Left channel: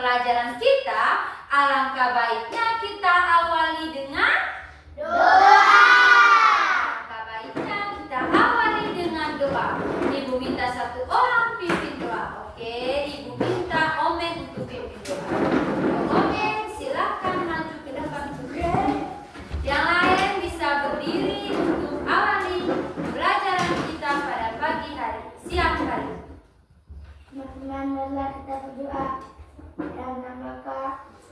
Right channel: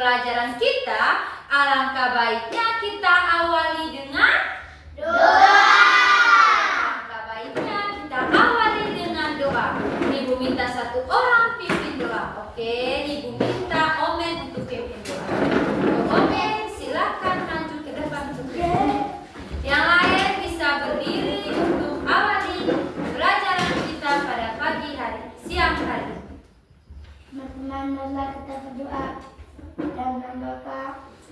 pembelajaran kita, alangkah baiknya kita awali dengan doa. Alangkah baiknya kita awali dengan doa. Ibu minta satu orang pimpin doa. Oke, Ibu minta Omen untuk pimpin doa. Omen, silakan maju ke depan. Yang lain bisa berdiri untuk awali pembelajaran kita pada pagi hari, siang hari. Marilah kita berdoa. Dalam nama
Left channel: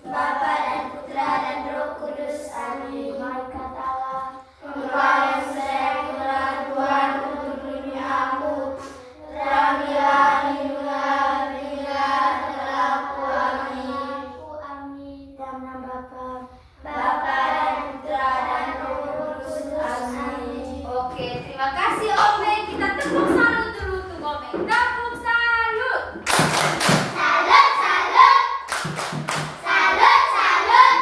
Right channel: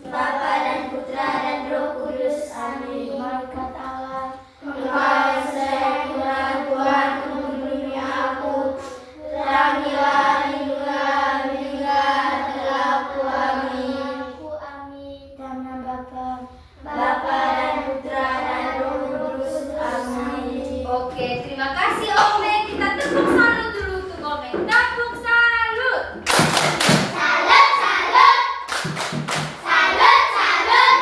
Bapa dan Putra dan Roh Kudus. Amin. Mari kata Allah, Engkau yang saya Tuhan, Tuhan menghubungi aku. Terangilah, lindungilah, bimbinglah dalam aku. Amin. Amin. Dalam nama Bapa dan Putra dan Roh Kudus. Amin. Oke, terima kasih Omen. Kita tepuk salut dulu untuk Omen. Tepuk salut. Salut, salut. Salut, salut.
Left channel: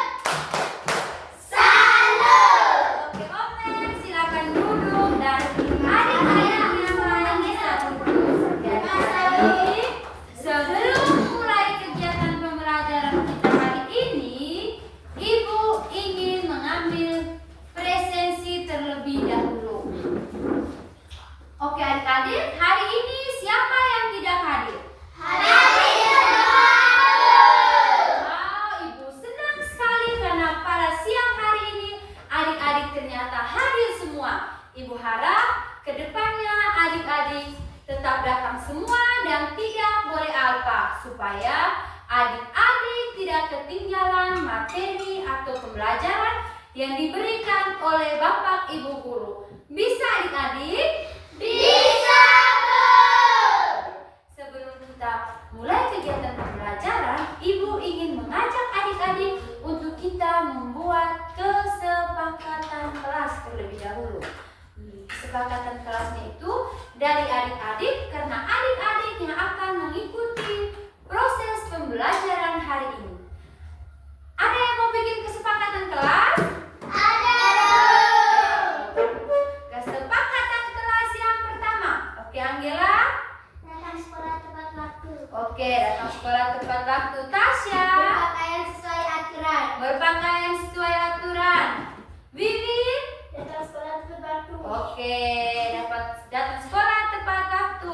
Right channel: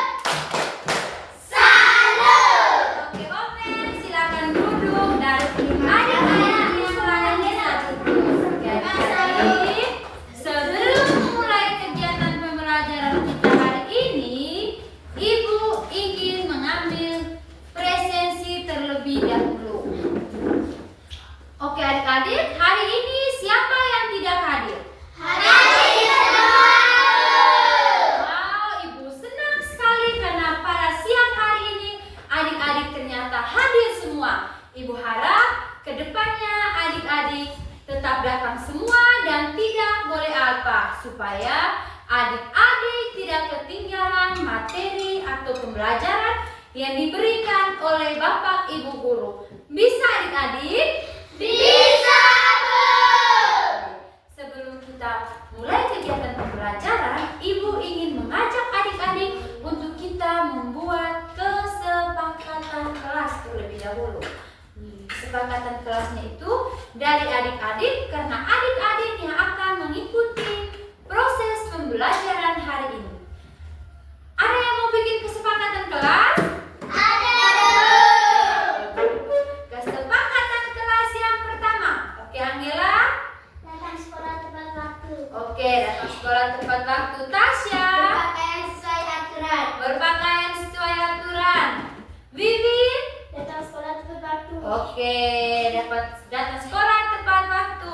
Salut. Oke, Omen, silakan duduk dan adik-adik yang lain bisa duduk. Jadi, sebelum mulai kegiatan pembelajaran kita hari ini, Ibu ingin mengambil presensi terlebih dahulu. Oke, adik-adik, hari ini siapa yang tidak hadir? Wow, Ibu senang sekali karena pada siang hari ini adik-adik ternyata hadir semua. Ibu harap kedepannya adik-adik tetap datang semua dan tidak boleh alpa, supaya adik-adik tidak ketinggalan materi atau pembelajaran yang diberikan oleh Bapak Ibu Guru. Bisa adik-adik? Bisa, Bu. Sebelum kita mulai kegiatan pembelajaran, Ibu ingin mengajak adik-adik untuk kita membuat kesepakatan kelas terlebih dahulu. Kesepakatan kelasnya itu dari adik-adik karena adik-adik yang akan mengikuti proses pembelajaran hari ini. Ada yang mau bikin kesepakatan kelas? Ada. Kesepakatan kelas yang pertama. Oke, Angela? Datang sekolah tepat waktu. Oke, datang sekolah tepat waktu. Tasya? Berpakaian sesuai aturan. Berpakaian sesuai aturan. Vivi? Datang sekolah tepat waktu. Oke, dapat datang sekolah tepat waktu.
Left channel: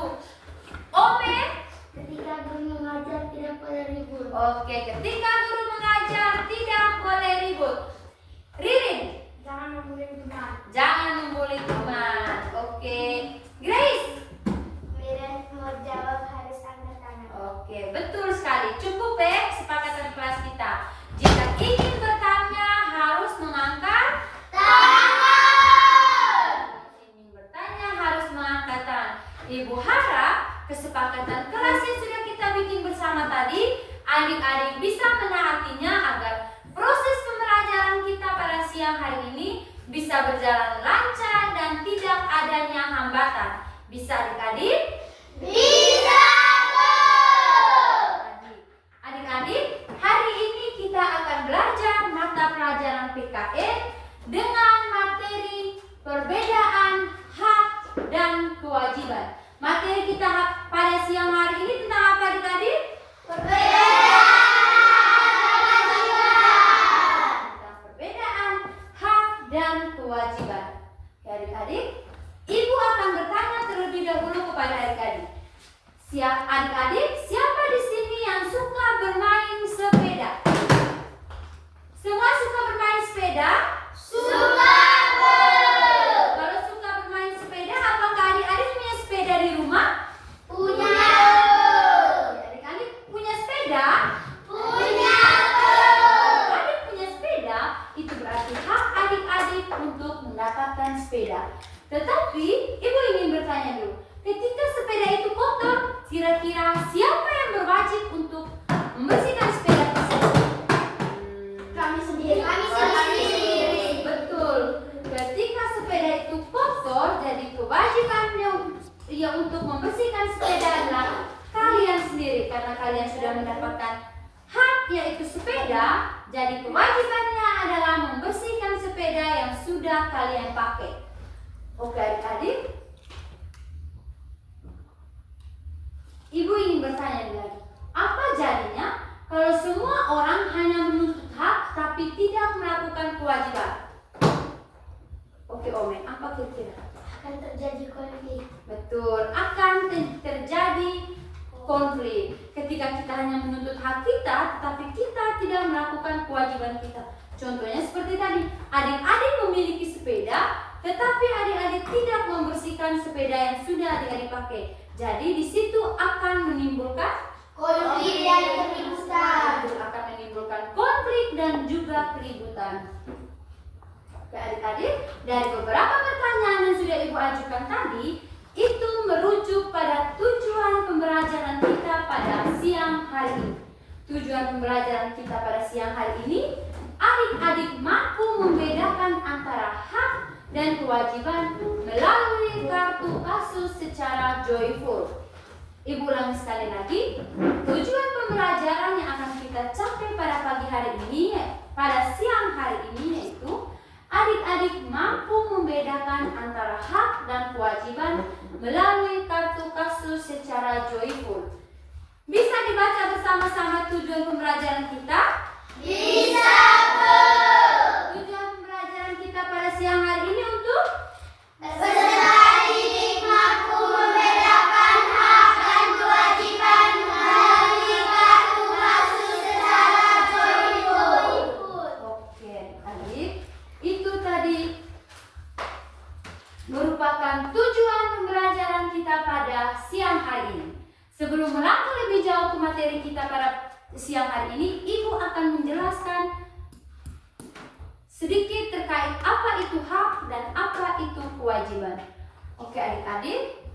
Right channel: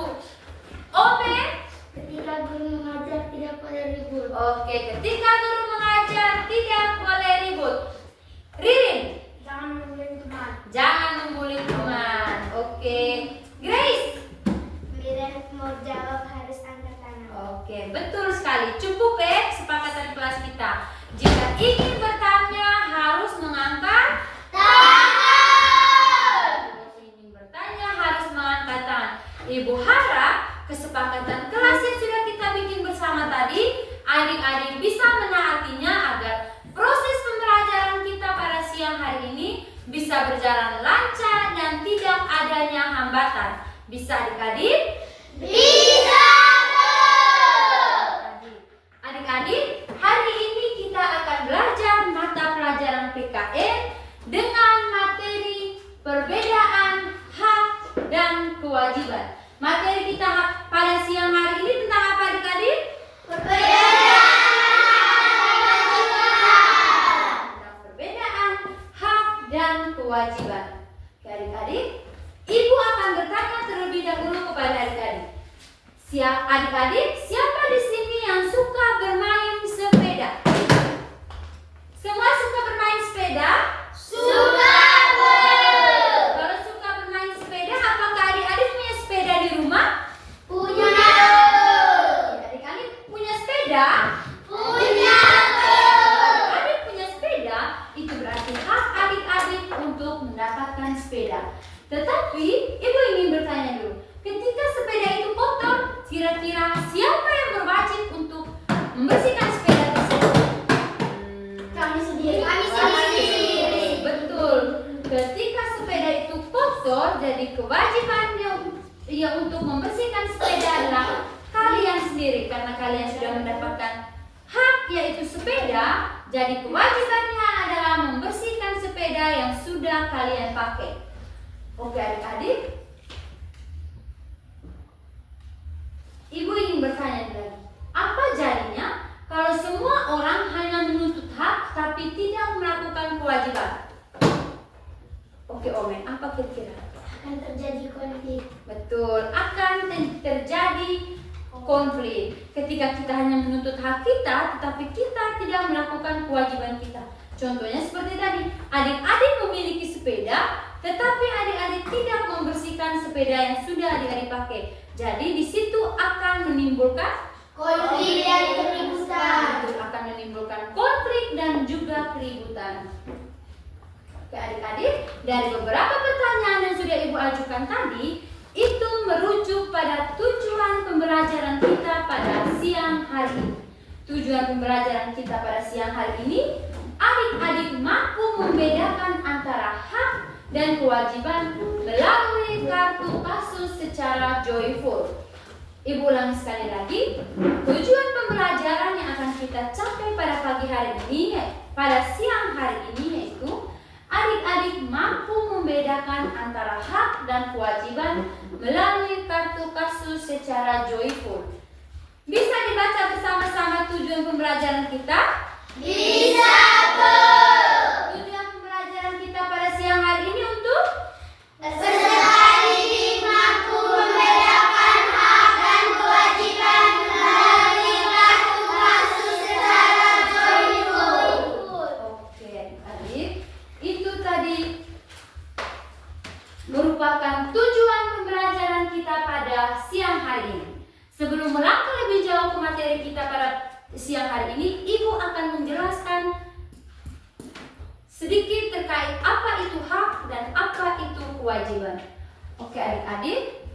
Omen? Ketika guru mengajar tidak boleh ribut. Oke, ketika guru mengajar tidak boleh ribut. Ririn? Jangan membuli teman. Jangan membuli teman. Oke. Grace? Bila mau jawab harus angkat tangan. Oke, betul sekali. Cukup kesepakatan kelas kita. Jika ingin bertanya harus mengangkat Tangan. ingin bertanya harus mengangkat tangan. Ibu harap kesepakatan kelas yang sudah kita bikin bersama tadi, adik-adik bisa menaatinya agar proses pembelajaran kita pada siang hari ini bisa berjalan lancar dan tidak adanya hambatan. Bisa adik-adik? Bisa, Bu. Adik-adik, hari ini kita akan belajar mata pelajaran PKN dengan materi perbedaan hak dan kewajiban. Materi kita pada siang hari ini tentang apa adik-adik? Tentang perbedaan hak dan kewajiban. Oke, adik-adik, Ibu akan bertanya terlebih dahulu kepada adik-adik. Adik-adik, siapa di sini yang suka bermain sepeda? Semua suka bermain sepeda? Suka, Bu. Kalau suka bermain sepeda, apakah adik-adik punya sepeda di rumah? Punya, Bu. Adik-adik punya sepeda? Punya, Bu. Kalau adik punya sepeda, itu berarti hak adik-adik untuk mendapatkan sepeda. Tetapi, Ibu ingin bertanya dulu, ketika sepeda itu kotor, kira-kira siapa yang berwajib untuk membersihkan sepeda tersebut? Kami sendiri. Betul. Ketika sepeda itu kotor, jadi kewajibannya untuk membersihkan sepeda adalah kalian sendiri, karena kalian sudah mendapatkan hak yaitu sepeda. Jadi kewajibannya adalah membersihkan sepeda yang sudah kalian pakai. Oke adik-adik, Ibu ingin bertanya lagi, apa jadinya kalau semua orang hanya menuntut hak tapi tidak melakukan kewajiban? Oke Ome, apa kira-kira? Akan terjadi konflik. Betul, akan terjadi konflik ketika kita hanya menuntut hak kita tetapi kita tidak melakukan kewajiban kita. Contohnya seperti tadi, adik-adik memiliki sepeda tetapi adik-adik tidak membersihkan sepeda yang sudah adik-adik pakai. Jadi di situ akan menimbulkan Konflik dan keributan. akan menimbulkan konflik dan juga keributan. Oke adik-adik, dari beberapa pertanyaan yang sudah Ibu ajukan tadi, itu merujuk pada tujuan pembelajaran kita pada siang hari ini. Tujuan pembelajaran kita pada siang hari ini, adik-adik mampu membedakan antara hak dan kewajiban melalui kartu kasus secara joyful. Ibu ulangi sekali lagi, tujuan pembelajaran yang akan kita capai pada pagi hari ini, pada siang hari ini yaitu adik-adik mampu membedakan antara hak dan kewajiban melalui kartu kasus secara joyful. Bisa dibaca bersama-sama tujuan pembelajaran kita? Bisa, Bu. Tujuan pembelajaran kita pada siang hari ini untuk Peserta didik mampu membedakan hak dan kewajiban melalui kartu kasus secara joyful. Oke, adik, itu tadi merupakan tujuan pembelajaran kita pada siang hari ini. Sebelum melangkah lebih jauh ke materi kita pada siang hari ini, Ibu akan menjelaskan sedikit terkait apa itu hak dan apa itu kewajiban. Oke adik-adik,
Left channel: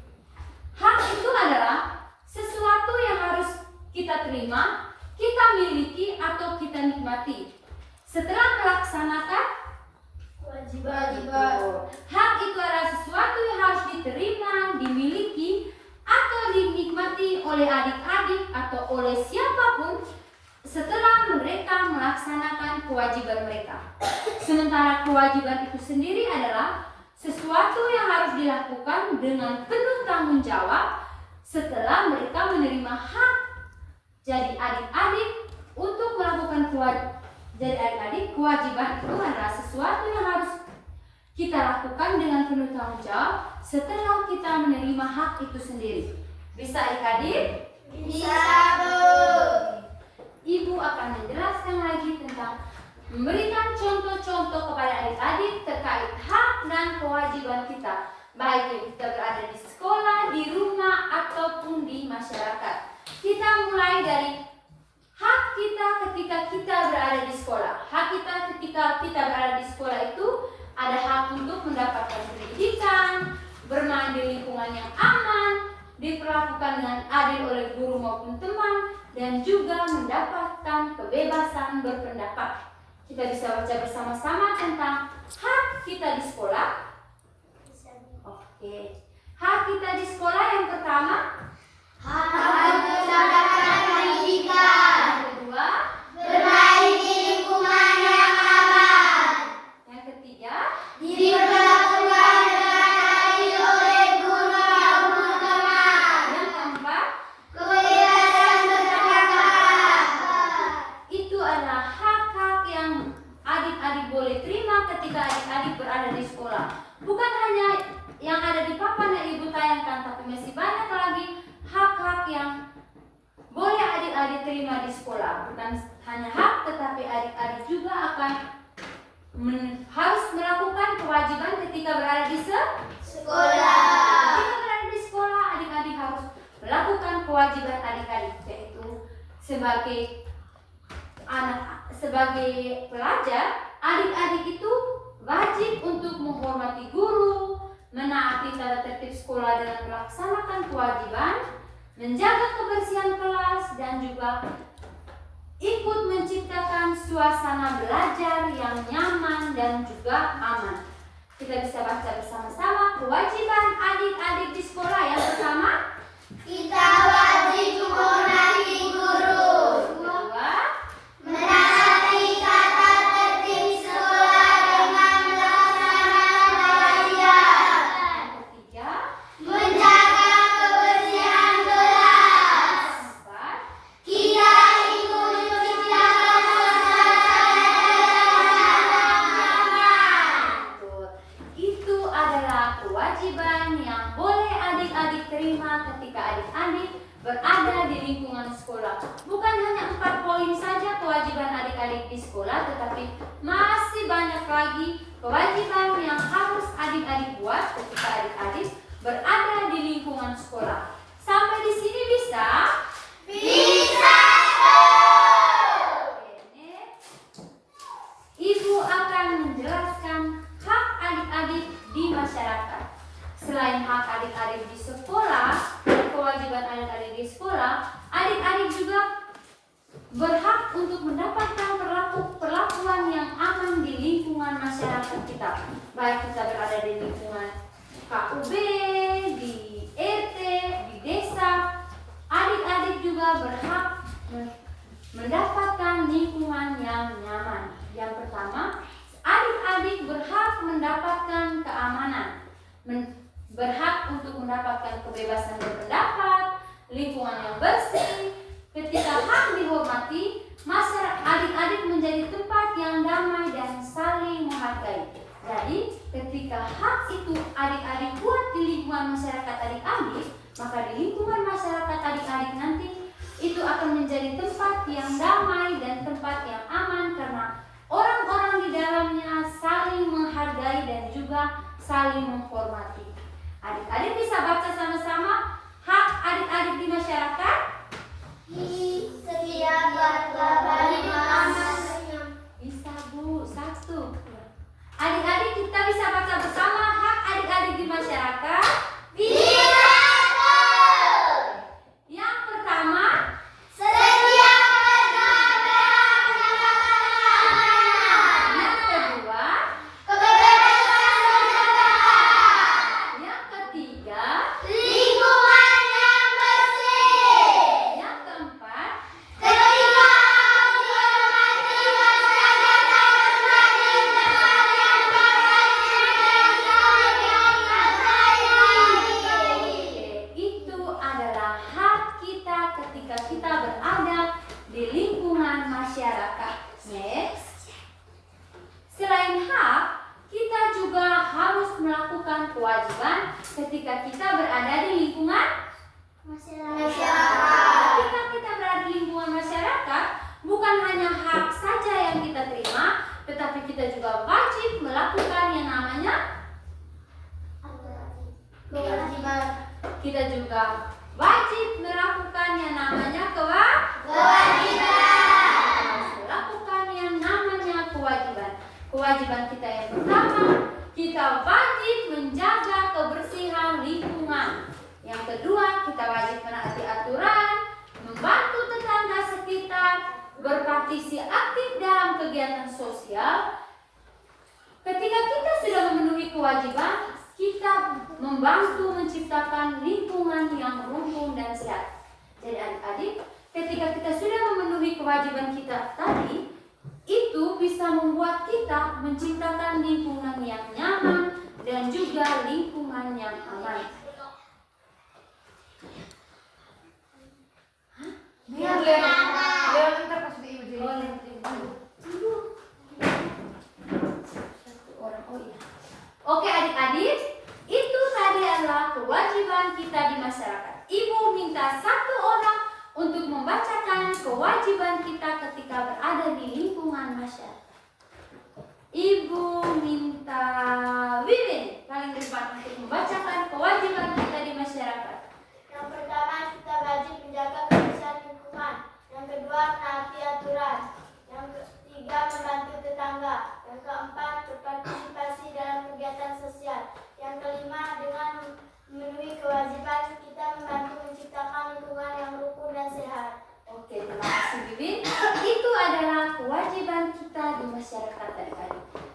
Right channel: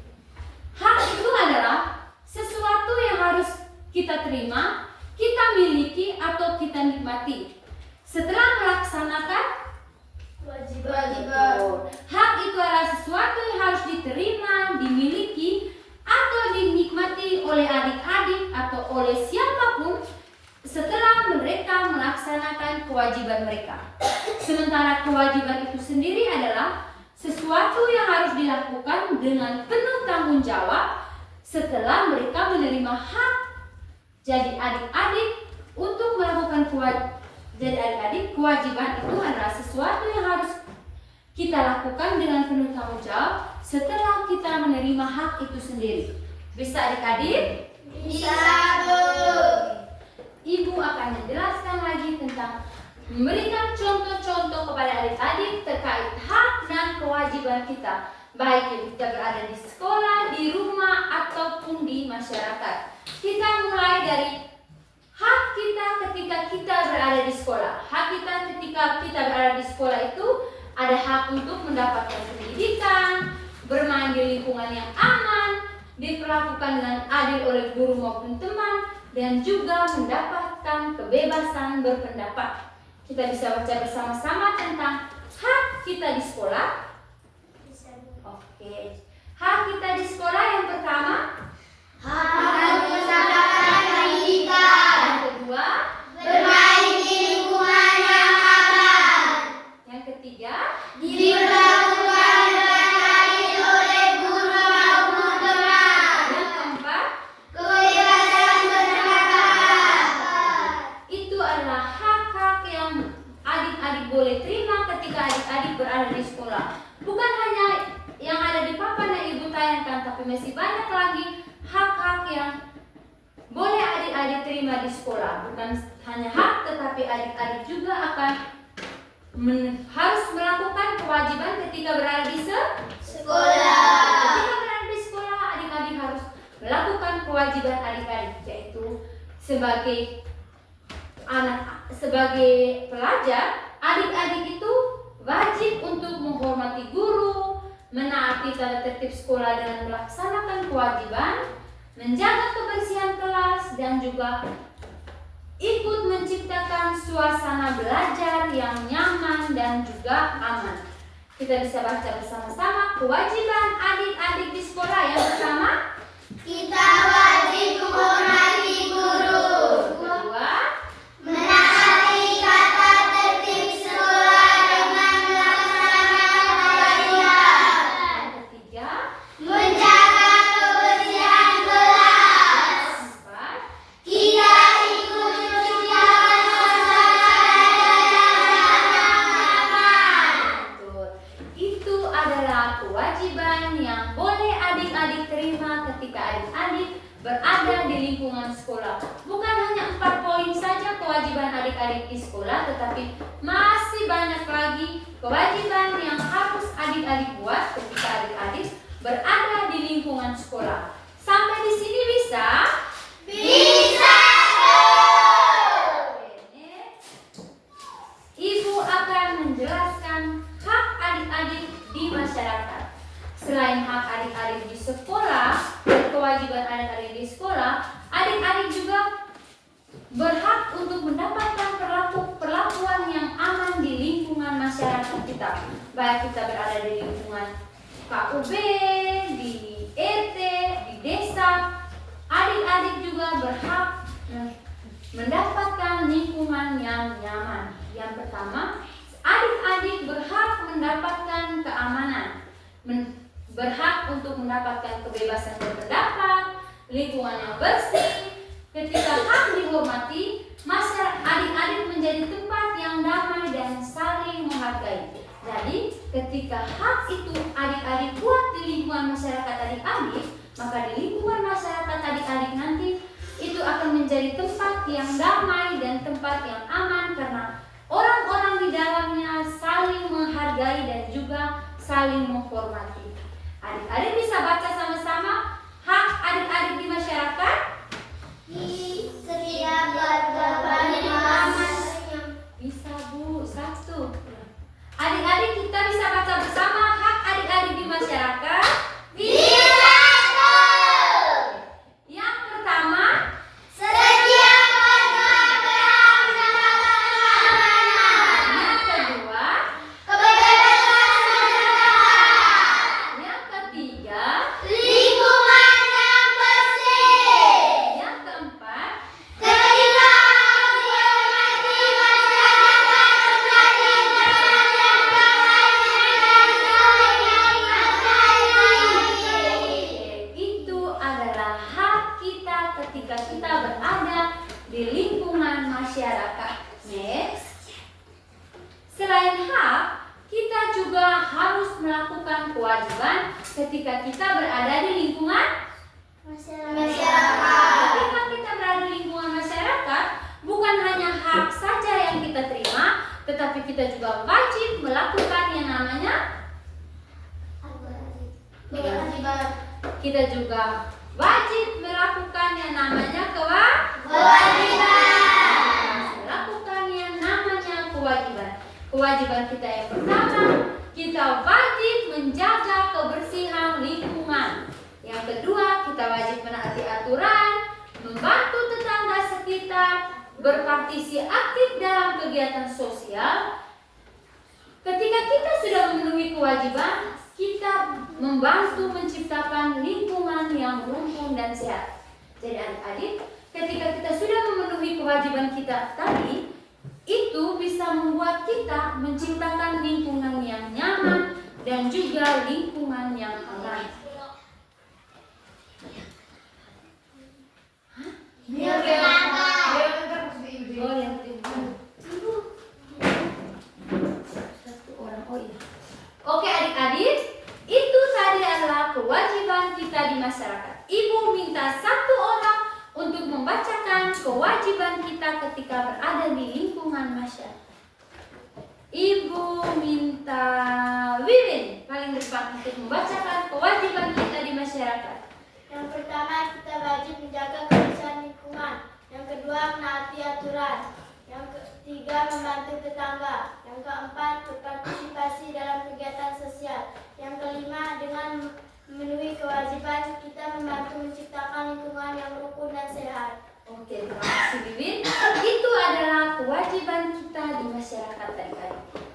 hak itu adalah sesuatu yang harus kita terima, kita miliki atau kita nikmati setelah melaksanakan kewajiban. Hak itu adalah sesuatu yang harus diterima, dimiliki atau dinikmati oleh adik-adik atau oleh siapapun setelah mereka melaksanakan kewajiban mereka. Sementara kewajiban itu sendiri adalah sesuatu yang harus dilakukan dengan penuh tanggung jawab setelah mereka menerima hak. Jadi adik-adik untuk melakukan kewajiban itu adalah sesuatu yang harus kita lakukan dengan penuh tanggung jawab setelah kita menerima hak itu sendiri. Bisa adik-adik? Bisa, Bu. Ibu akan menjelaskan lagi tentang memberikan contoh-contoh kepada adik-adik terkait hak dan kewajiban kita, baik yang kita berada di sekolah, di rumah, ataupun di masyarakat. Kita mulai dari hak kita ketika kita berada di sekolah. Hak kita ketika kita berada di sekolah itu ada hak untuk mendapatkan pendidikan, bermain di lingkungan yang aman, diperlakukan dengan adil oleh guru maupun teman, dan juga mendapatkan kebebasan berpendapat. Kita bisa baca bersama-sama tentang hak kita di sekolah. Oke. Hak kita di sekolah yang pertama, Hak mendapatkan pendidikan. yang kedua, Bermain di lingkungan yang aman. yang ketiga, Diperlakukan dengan adil oleh guru maupun teman. yang keempat, Kebebasan berpendapat. itu adalah hak-hak yang adik-adik boleh terima ketika adik-adik berada di sekolah. Bukan hanya yang ada di papan yang Ibu tayangkan, tapi masih banyak lagi hak-hak yang boleh adik-adik terima di sekolah. Bukan hanya hak, tetapi adik-adik juga akan harus melakukan kewajiban ketika berada di Sekolah. Ketika berada di sekolah, adik-adik harus melakukan kewajiban adik-adik, yaitu sebagai pelajar, adik-adik itu wajib untuk menghormati guru, menaati tata tertib sekolah dengan melaksanakan kewajiban, menjaga kebersihan kelas, dan juga ikut menciptakan suasana belajar yang nyaman dan juga aman. Kita bisa baca bersama-sama kewajiban adik-adik di sekolah. Yang pertama, Kita wajib menghormati guru. kedua, Menaati tata tertib sekolah dengan melaksanakan kewajiban. ketiga, Menjaga kebersihan kelas. empat, Kita ikut lingkungan sekolah. Bukan hanya 4 poin saja kewajiban adik-adik di sekolah, tetapi masih banyak lagi kewajiban yang harus adik-adik buat ketika adik-adik berada di lingkungan sekolah. Sampai di sini bisa? Bisa. Ibu akan menjelaskan hak adik-adik di masyarakat. Selain hak adik-adik di sekolah dan kewajiban adik-adik di sekolah, adik-adik juga berhak untuk mendapatkan perlakuan yang aman di lingkungan masyarakat kita. Baik kita berada di lingkungan KUB, di RT, di desa, adik-adik juga berhak mendapatkan lingkungan yang nyaman. Yang pertama, adik-adik berhak mendapatkan keamanan, berhak untuk mendapatkan kebebasan berpendapat, lingkungan yang bersih. Ketika hak dihormati, masyarakat adik-adik menjadi tempat yang damai dan saling menghargai. Jadi, ketika hak itu adik-adik buat di lingkungan masyarakat adik-adik, maka di lingkungan masyarakat adik-adik nanti itu akan menjadi tempat yang damai dan tempat yang aman karena orang-orang di dalamnya saling menghargai dan juga saling menghormati. Adik-adik bisa baca sama-sama hak adik-adik di masyarakat. Setiap warga berhak. Bisa Bu, 1. Adik-adik kita bisa baca bersama hak adik-adik di masyarakat. Bisa. Yang pertama, Setiap warga berhak mendapatkan keamanan. yang kedua, Kebebasan berpendapat. yang ketiga, Lingkungan yang bersih. yang keempat, Ketika hak dihormati, masyarakat menjadi tempat yang damai dan saling menghargai. itu adalah hak kita ketika kita berada di lingkungan masyarakat. Next. Selain hak, kita juga harus melakukan kewajiban ketika kita berada di lingkungan Masyarakat. Ketika kita berada di lingkungan masyarakat, bukan hanya hak saja yang kita terima, tetapi kita juga wajib melakukan yang namanya Kewajiban. kita juga wajib melakukan yang namanya melakukan yang namanya kewajiban. Kewajiban kita yang pertama, kita wajib menjaga kebersihan lingkungan. Yang kedua, kita wajib menaati aturan, membantu tetangga sekitar, berpartisipasi aktif dalam kegiatan sosial. Ketika kita sudah memenuhi kewajiban, kita membantu menciptakan lingkungan yang rukun dan sehat. Jadi adik-adik, ketika kita sudah memenuhi kewajiban kita tadi, itu bisa membuat kita menciptakan lingkungan yang nyaman dan juga lingkungan yang aman. Biar Oh yang kedua. Satu orang, oh iya. Oke adik-adik, itu tadi adalah kewajiban kita di masyarakat. Ibu minta 1 orang untuk membacakan kewajiban kita ketika berada di lingkungan masyarakat. Ibu minta Wiwin paling depan untuk membacakan kewajiban kita di masyarakat. Yang pertama, kita wajib menjaga kebersihan lingkungan. Yang kedua, menaati aturan. Yang ketiga, membantu tetangga. Yang keempat, berpartisipasi dalam kegiatan sosial. Yang kelima, dengan memenuhi kewajiban, kita membantu menciptakan lingkungan yang rukun dan sehat. Oke, terima kasih Wiwin. Itu adalah kewajiban kita di masyarakat tadi.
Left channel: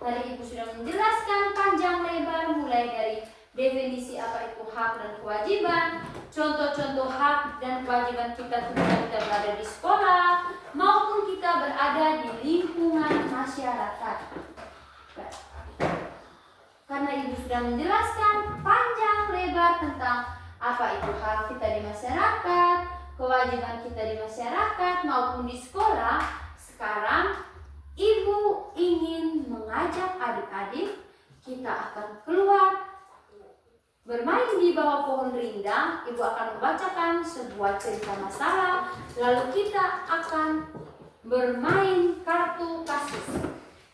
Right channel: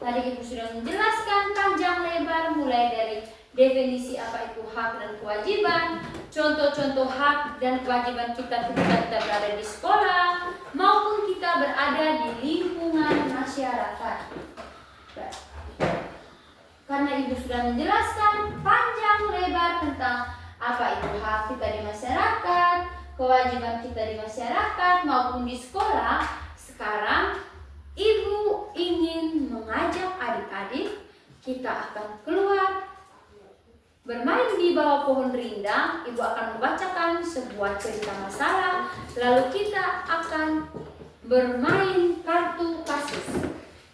Tadi Ibu sudah menjelaskan panjang lebar mulai dari definisi apa itu hak dan kewajiban, contoh-contoh hak dan kewajiban kita ketika kita berada di sekolah maupun kita berada di lingkungan masyarakat. Karena Ibu sudah menjelaskan panjang lebar tentang apa itu hak kita di masyarakat, kewajiban kita di masyarakat maupun di sekolah, sekarang Ibu ingin mengajak adik-adik kita akan keluar Bermain di bawah pohon rindang, Ibu akan membacakan sebuah cerita masalah, lalu kita akan bermain kartu kasus.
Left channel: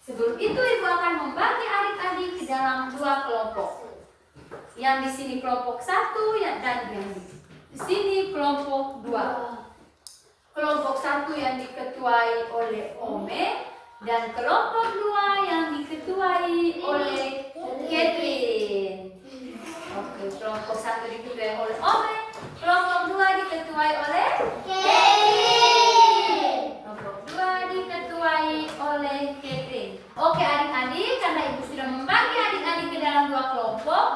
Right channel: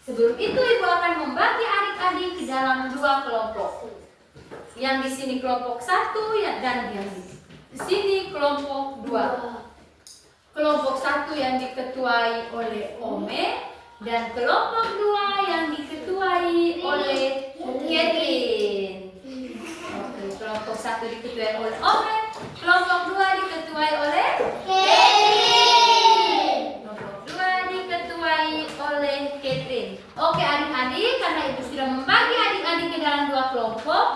Sebelum itu Ibu akan membagi adik-adik ke dalam 2 kelompok. Yang di sini kelompok 1 dan yang di sini kelompok 2. Kelompok 1 yang diketuai oleh Ome dan kelompok 2 yang diketuai oleh Catherine. Oke, kelompok 1 diketuai oleh Ome, kelompok 2 diketuai oleh Catherine. kelompok 2 diketuai oleh Catherine. Oke adik-adik, karena Ibu sudah membagi adik-adik ke dalam 2 kelompok,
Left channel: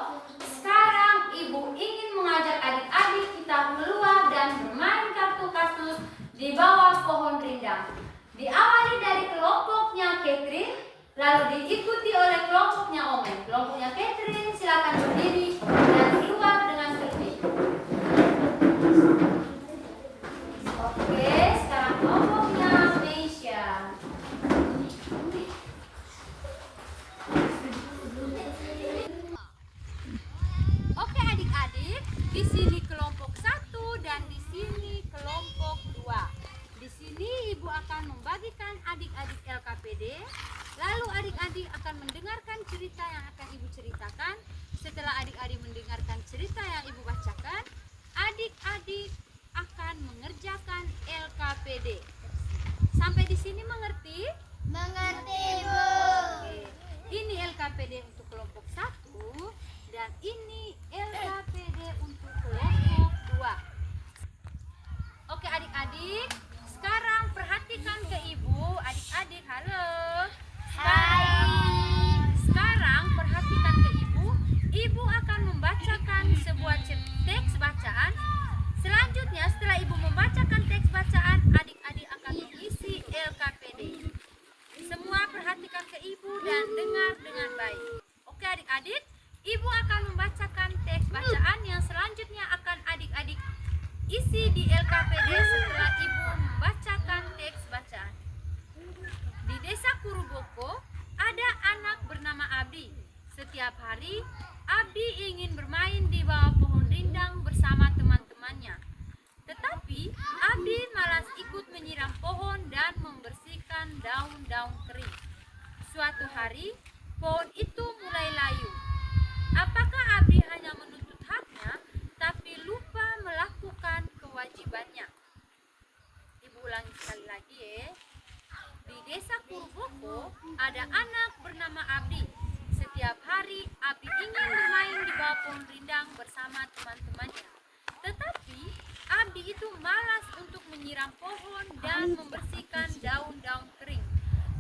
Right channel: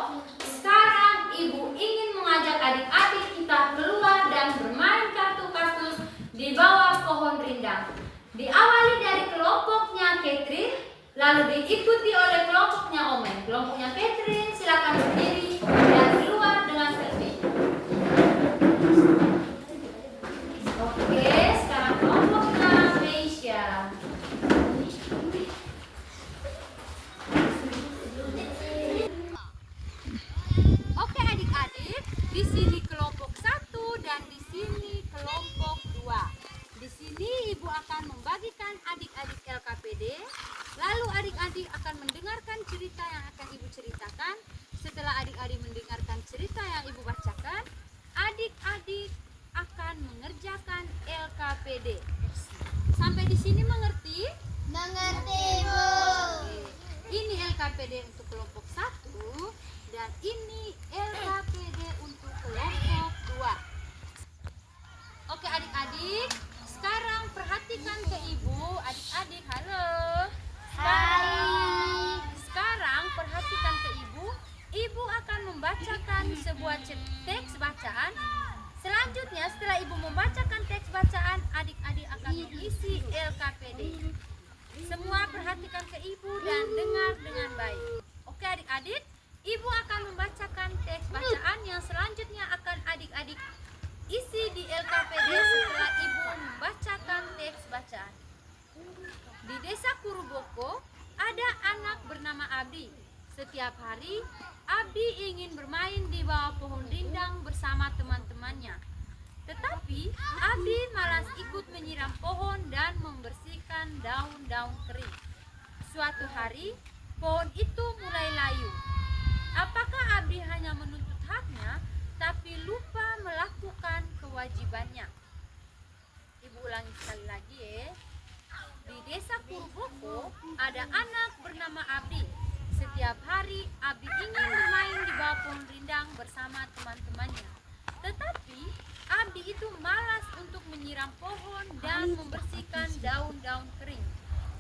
sekarang Ibu ingin mengajak adik-adik kita keluar dan bermain kartu kasus di bawah pohon rindang. Diawali dari kelompoknya Catherine, lalu diikuti oleh kelompoknya Ome. Kelompoknya Catherine silakan berdiri dan keluar dengan selfie. Oke, sekarang kelompoknya Meisha. Oke adik-adik, di sini kelompok 1 dan di sini kelompok 2. Di sini Ibu akan membagikan adik-adik LKPD, lalu adik-adik akan mendengarkan cerita yang akan Ibu ceritakan. Setelah adik-adik mendengarkan cerita yang Ibu bacakan, adik-adik akan mengerjakan LKPD. Sampai di sini mengerti? Mengerti, Bu. Oke. Ini LKPD untuk kelompok 1 dan ini LKPD untuk kelompok 2. Oke adik-adik, sekarang perhatikan ke Ibu, adik-adik, halo. Sekarang perhatikan ke Ibu. Ibu akan membacakan sebuah teks bacaan. Selanjutnya setelah Ibu membacakan teks bacaan, adik-adik akan mengisi LKPD. Semua perhatikan ke Ibu dan dengar dengan baik. Oke adik-adik, Ibu akan membacakan teks bacaan yang selanjutnya akan adik-adik isi di LKPD setelah Ibu membacakan teks bacaan. Di desa Kuruboko ada anak bernama Abdi. Setiap hari Abdi ingin bermain di bawah pohon rindang bersama teman-temannya. Tetapi Abdi malas ikut menyiram pohon dan membersihkan daun-daun kering. Suatu hari pohon itu mulai layu. Apakah Abdi hanya menuntut haknya tapi lupa melakukan kewajibannya? Ibu ulangi sekali lagi ya. Di desa Kuruboko ada anak bernama Abdi. Setiap hari Abdi ingin bermain di bawah pohon rindang bersama teman-temannya. Tetapi Abdi itu malas untuk menyiram pohon dan membersihkan daun-daun kering.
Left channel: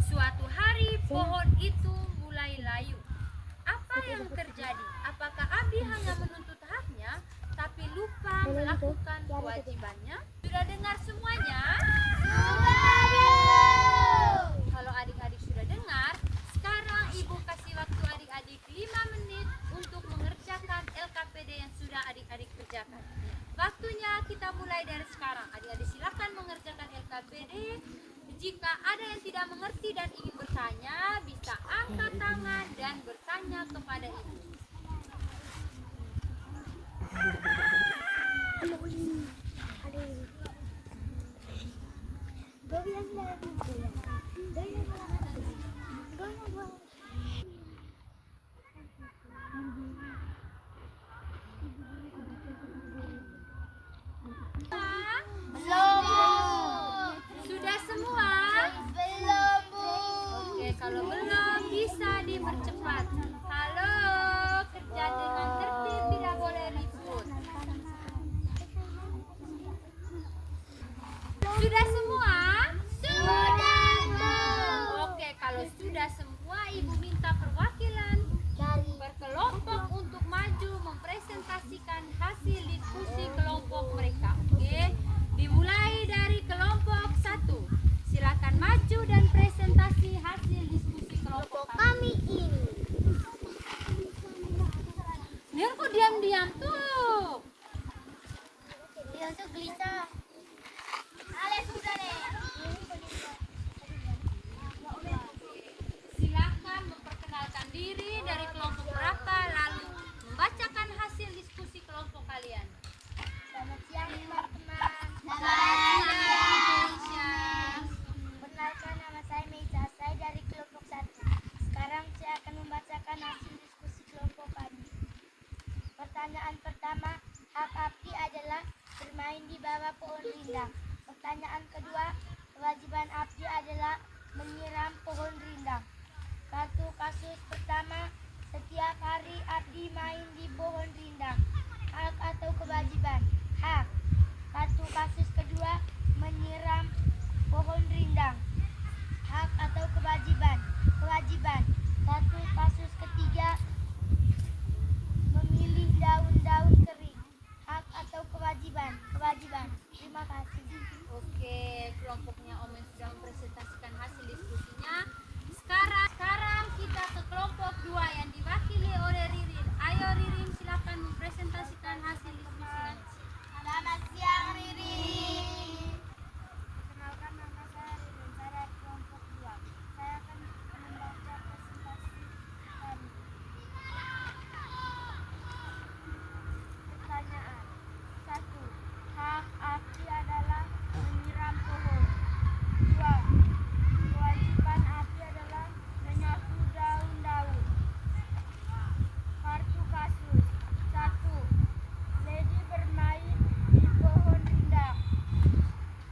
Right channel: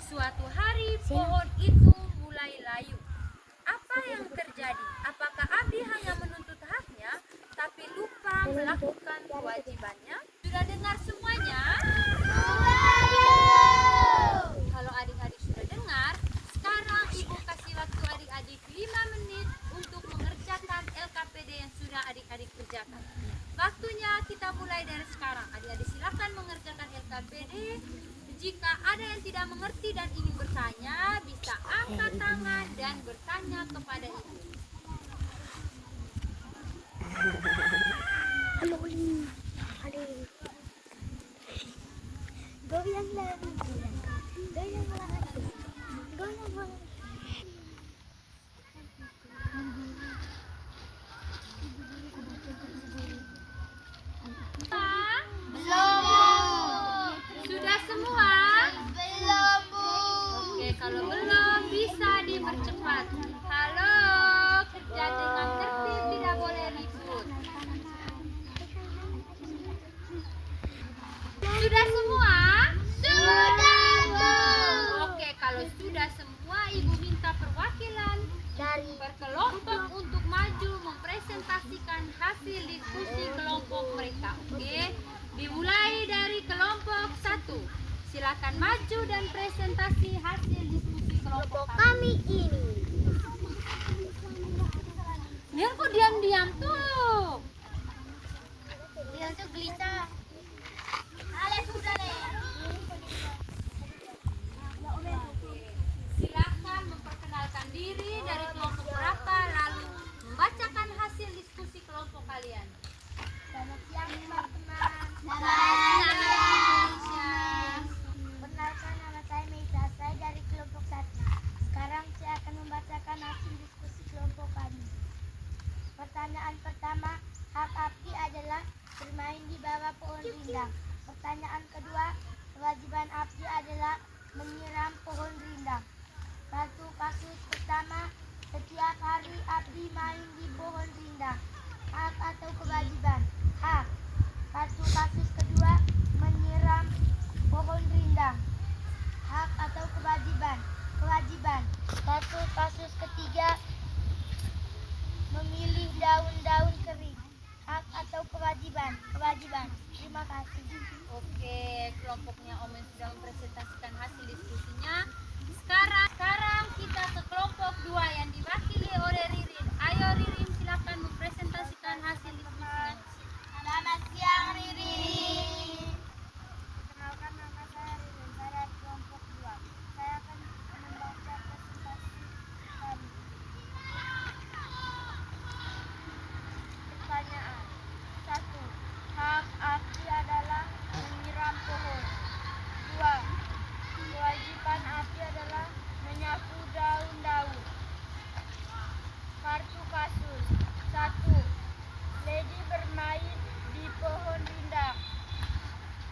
Suatu hari pohon itu mulai layu. Apa yang terjadi? Apakah Abdi hanya menuntut haknya tapi lupa melakukan kewajibannya? Sudah dengar semuanya? Kalau adik-adik sudah dengar, sekarang Ibu kasih waktu adik-adik 5 menit untuk mengerjakan LKPD yang sudah adik-adik kerjakan. Waktunya kita mulai dari sekarang. Adik-adik silakan mengerjakan LKPD. Jika ada yang tidak mengerti dan ingin bertanya, bisa angkat tangan dan bertanya kepada Ibu. Sudah semua? Belum, Bu. Oke, kalau belum bisa dipercepat. Halo, kerja dengan tertib, tidak boleh ribut. Sudah semua? Sudah, Bu. Oke, kalau sudah semua, Ibu minta perwakilan Dari berkelompok untuk maju mempresentasikan hasil diskusi kelompok mereka. Oke, dimulai dari kelompok 1. Silakan maju dan presentasi hasil diskusi kelompok kami. kami ini. Nian kok diam-diam tuh? Dia tuh gelisah. Ale sudah deh. Silakan memperkenalkan diri dari kelompok berapa, lalu membacakan hasil sekalian. Selamat siang teman-teman. Selamat siang Indonesia. Perkenalkan, nama saya Meija, saya dari kelompok 1. Sekarang saya akan membacakan hasil diskusi kelompok kami. Pertanyaan pertama, hak Abdi adalah bermain di bawah pohon rindang. Pertanyaan kedua, kewajiban Abdi adalah menyiram pohon rindang. Kartu kasus pertama, setiap hari Abdi main di pohon rindang. Hak atau kewajiban? Hak. Kartu kasus kedua, menyiram pohon rindang. Hak atau kewajiban? Kewajiban. Kartu kasus ketiga, memilih daun-daun kering. Hak atau kewajiban? Kewajiban. Terima kasih. Oke, kelompoknya Omen sudah mempresentasikan hasil diskusinya. Sekarang kita ke kelompok 2 yang diwakili oleh Ririn. Ayo Ririn, silakan mempresentasikan hasil diskusinya. Selamat siang Ririn. Perkenalkan, nama saya Ririn, saya dari kelompok 2. Saya akan membaca presentasi kami. Pertanyaan 1. Hak Abdi adalah menyiram pohon. 2. Kewajiban Abdi adalah menyapu daun-daun. Kartu kasus 1. Lady bermain di pohon rindang.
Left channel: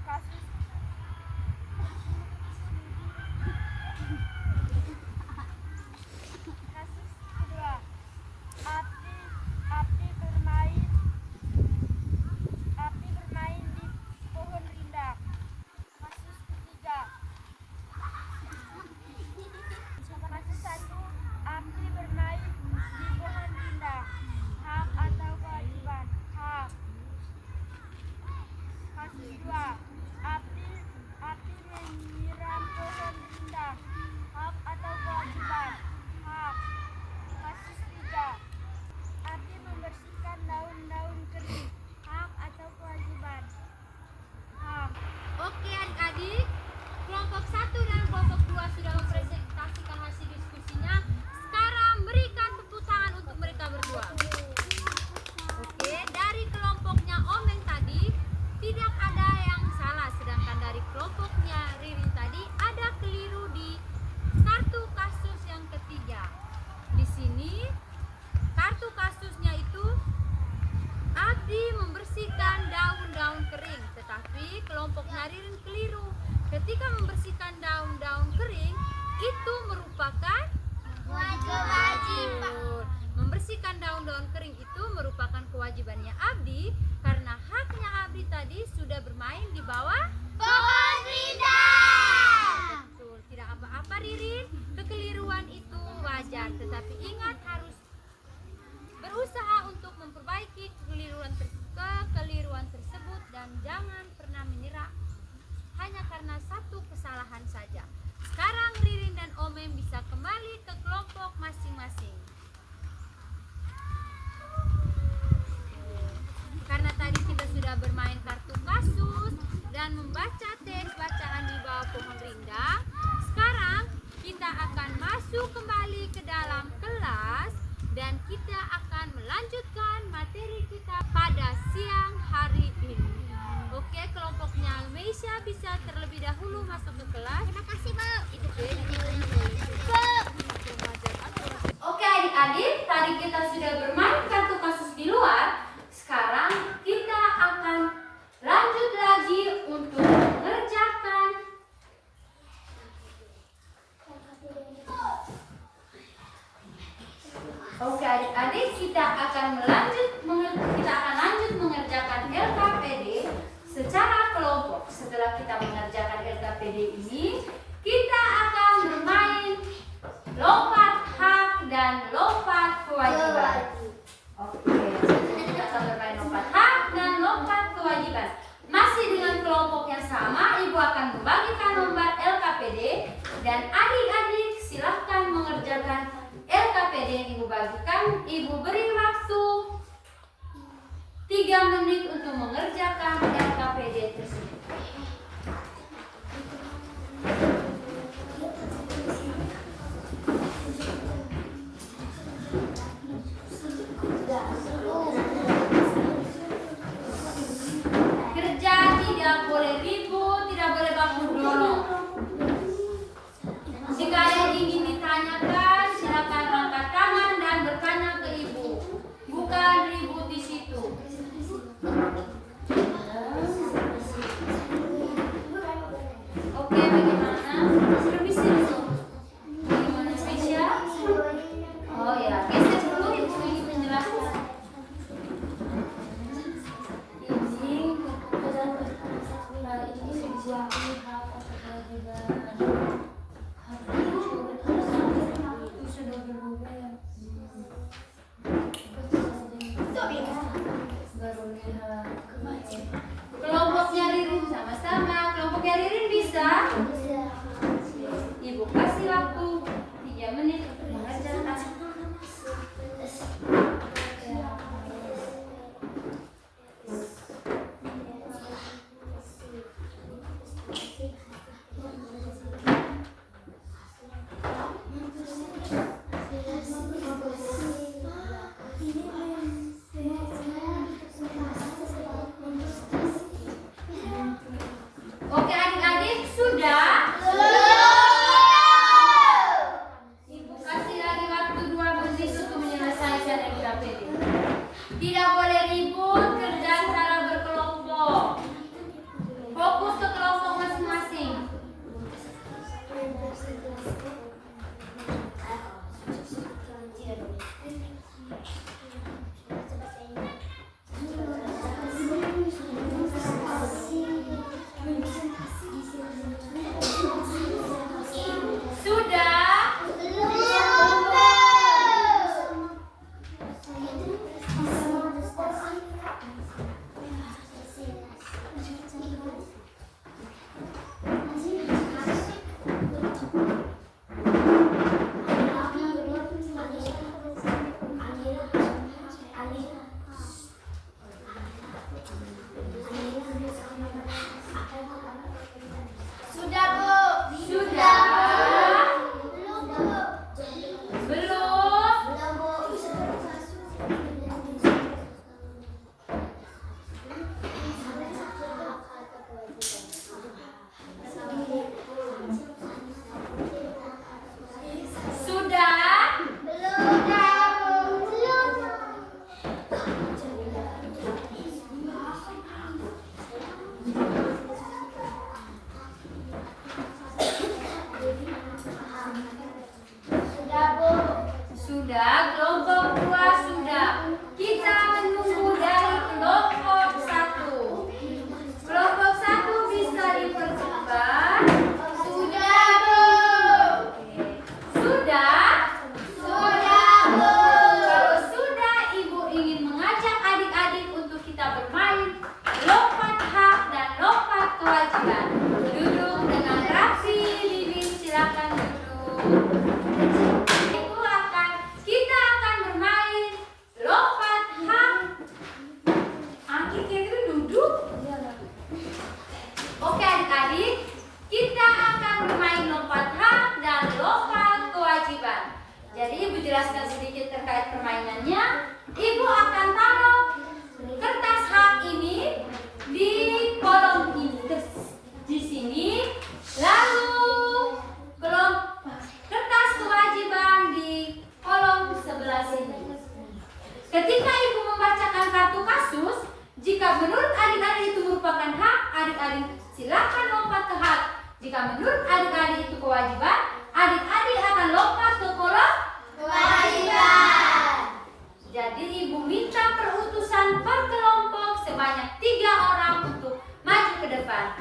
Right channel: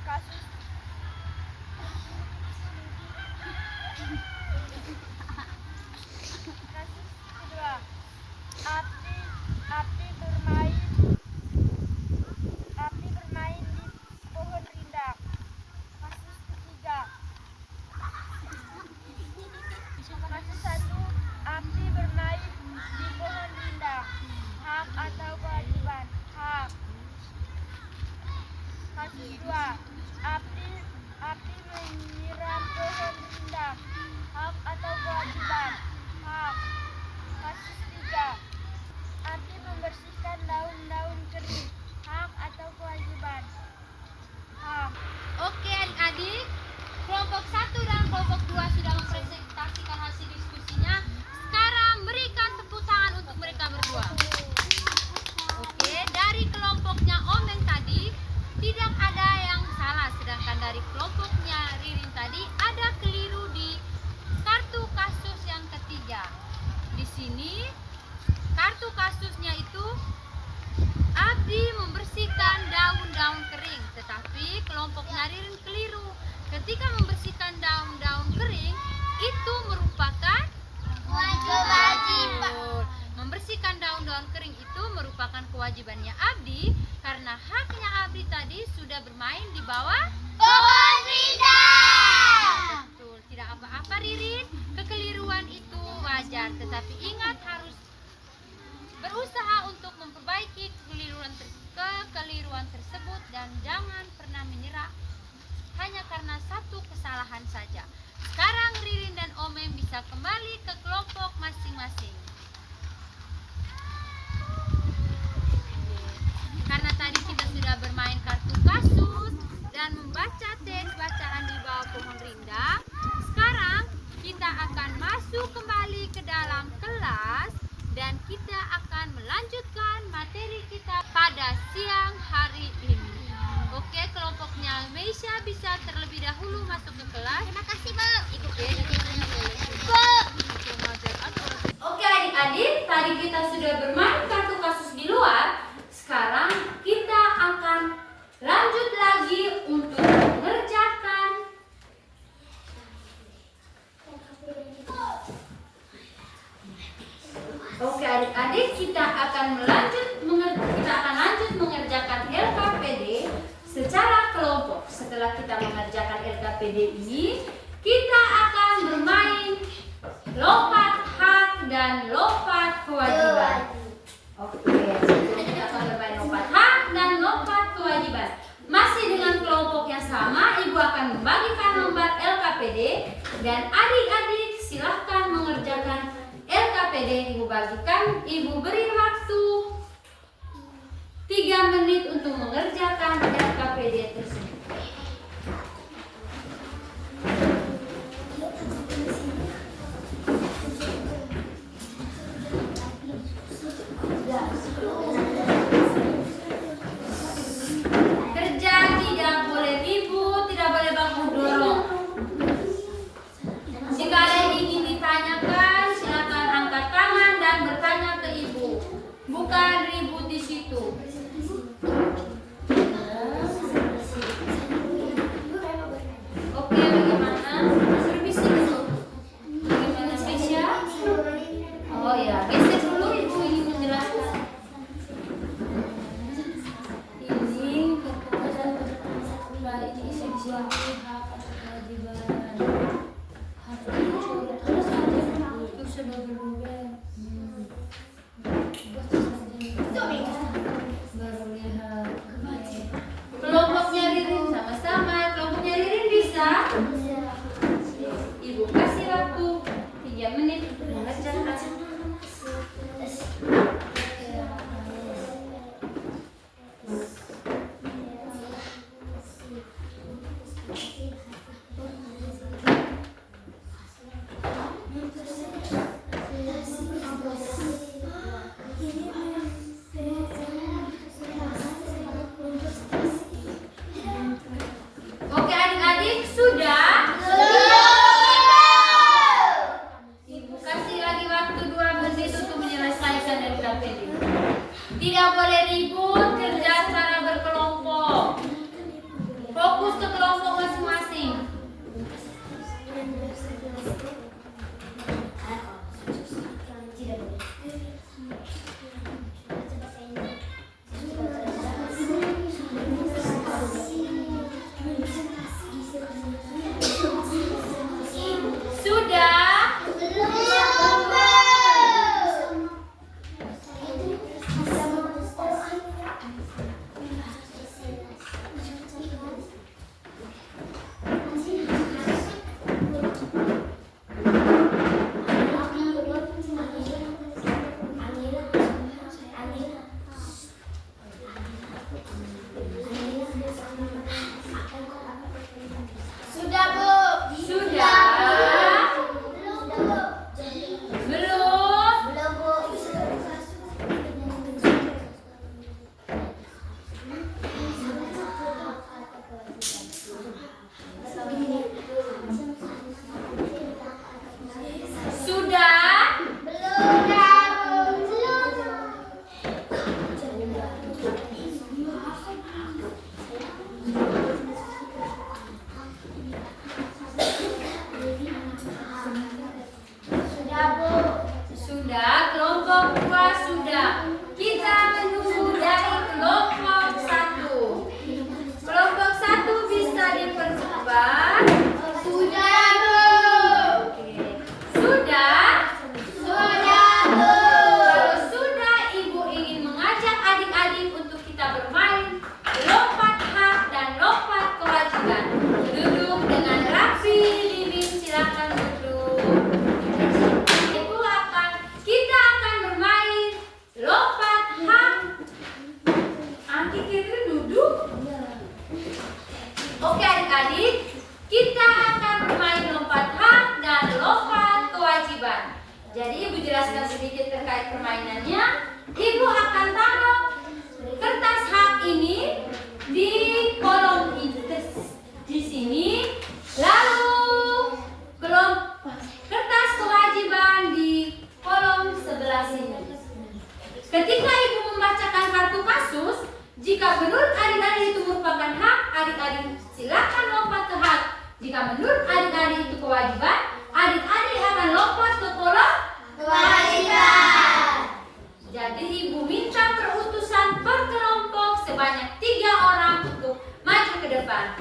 Kasus kedua, Abdi bermain di pohon rindang. Kasus ketiga, kasus 1, Abdi bermain di pohon rindang. Hak atau kewajiban? Hak. Kasus 2, Abdi menyiram pohon rindang. Hak atau kewajiban? Hak. Kasus 3, Abdi membersihkan daun-daun kering. Hak atau kewajiban? Hak. Oke adik-adik, kelompok 1 dan kelompok 2 sudah mempresentasikan hasil diskusinya. Sekarang berikan tepuk tangan untuk mereka berdua. Oke, dari kelompoknya Omen tadi tidak ada yang salah, sedangkan dari kelompoknya Ririn tadi ada keliru di kartu kasus yang ketiga. Di sini kartu kasusnya itu Abdi membersihkan daun-daun kering, tetapi kelompoknya Ririn keliru. Ketika membersihkan daun-daun kering itu merupakan kewajiban. Membersihkan daun-daun kering itu merupakan kewajibannya Abdi karena haknya Abdi tadi sudah bermain di bawah Pohon rindang. Betul, tidak apa-apa Ririn. Kekeliruan itu wajar, tetapi ingat harus berusaha untuk memperbaiki kekeliruan tersebut dan jangan pernah menyerah hanya karena satu kesalahan saja. Sekarang Ririn dan Omen bisa kembali ke kelompok masing-masing. Karena tadi kita sudah bermain kartu kasus dan membaca teks bacaan di bawah pohon rindang, sekarang kita akan masuk kembali ke dalam kelas dan kita akan melanjutkan materi kita pada siang hari ini. Oke, kelompoknya Meisha bisa terlebih dahulu masuk ke kelas. Terima kasih, Bu. Oke, diizinkan oleh Oke adik-adik, tadi kita sudah bermain kartu kasus di luar. Sekarang kita akan lanjut lagi untuk mengerjakan Oke adik-adik, kita akan lanjut mengerjakan LKPD secara kelompok. Setelah kita mengerjakan LKPD ini, kita akan bermain lompat hak dan lompat kewajiban. Oke, kita akan bermain lompat hak dan lompat kewajiban. Masih dengan kelompok yang sama, Ibu akan membagikan lembar LKPD dan adik-adik silahkan mengerjakan LKPD yang Ibu bagikan. Ibu beri waktu 3 menit untuk mengerjakan LKPD tersebut. Oke, bagaimana? Suruh bisik dulu. Bagaimana spesial? Oh ya, geser dulu, ibu ingin menjelaskan. Izin kepada ini spesial hak atau kewajiban. Hak itu sudah berubah. Baru lihat. Kelompoknya Ririn sama-sama. Kelompoknya Ririn bisa? Ibu kasih waktu 3 menit untuk mengerjakan. Oke adik-adik, sudah? Ibu kasih lagi waktu 2 menit untuk menyelesaikan LKPD. Tidak boleh ribut, kerja secara berkelompok. Fokus ke kelompok masing-masing. Sudah? Sudah, Bu. Sudah? Belum? Belum, Bu. Sudah? Sudah, kelompok 2 sudah. Kita menunggu dari kelompok 1. Kelompok 1 bisa dipercepat. Sudah, Bu. Oke. Sudah? Kalau sudah, ibu ingin mengajak adik-adik untuk kita bermain lompat hak dan lompat kewajiban. Duduk dengan rapi, Limin silakan duduk. Kita akan bermain lompat hak. Angki kira duduk. Oke adik-adik, kita akan bermain lompat hak dan lompat kewajiban. Jadi ibu jelaskan sedikit terkait permainannya. Ibu akan taruh kertas hak ini di kolom di sini, lalu kertas kewajiban di kolom sebelah sini. Ketika ibu membacakan kartu kasus, jika menurut adik-adik itu merupakan hak, adik-adik silakan lompat ke hak. Jika menurut adik-adik itu kewajiban, adik-adik akan lompat ke kolom Kewajiban. Jadi ibu minta perutusan per kelompok sebanyak 3 orang untuk maju ke depan.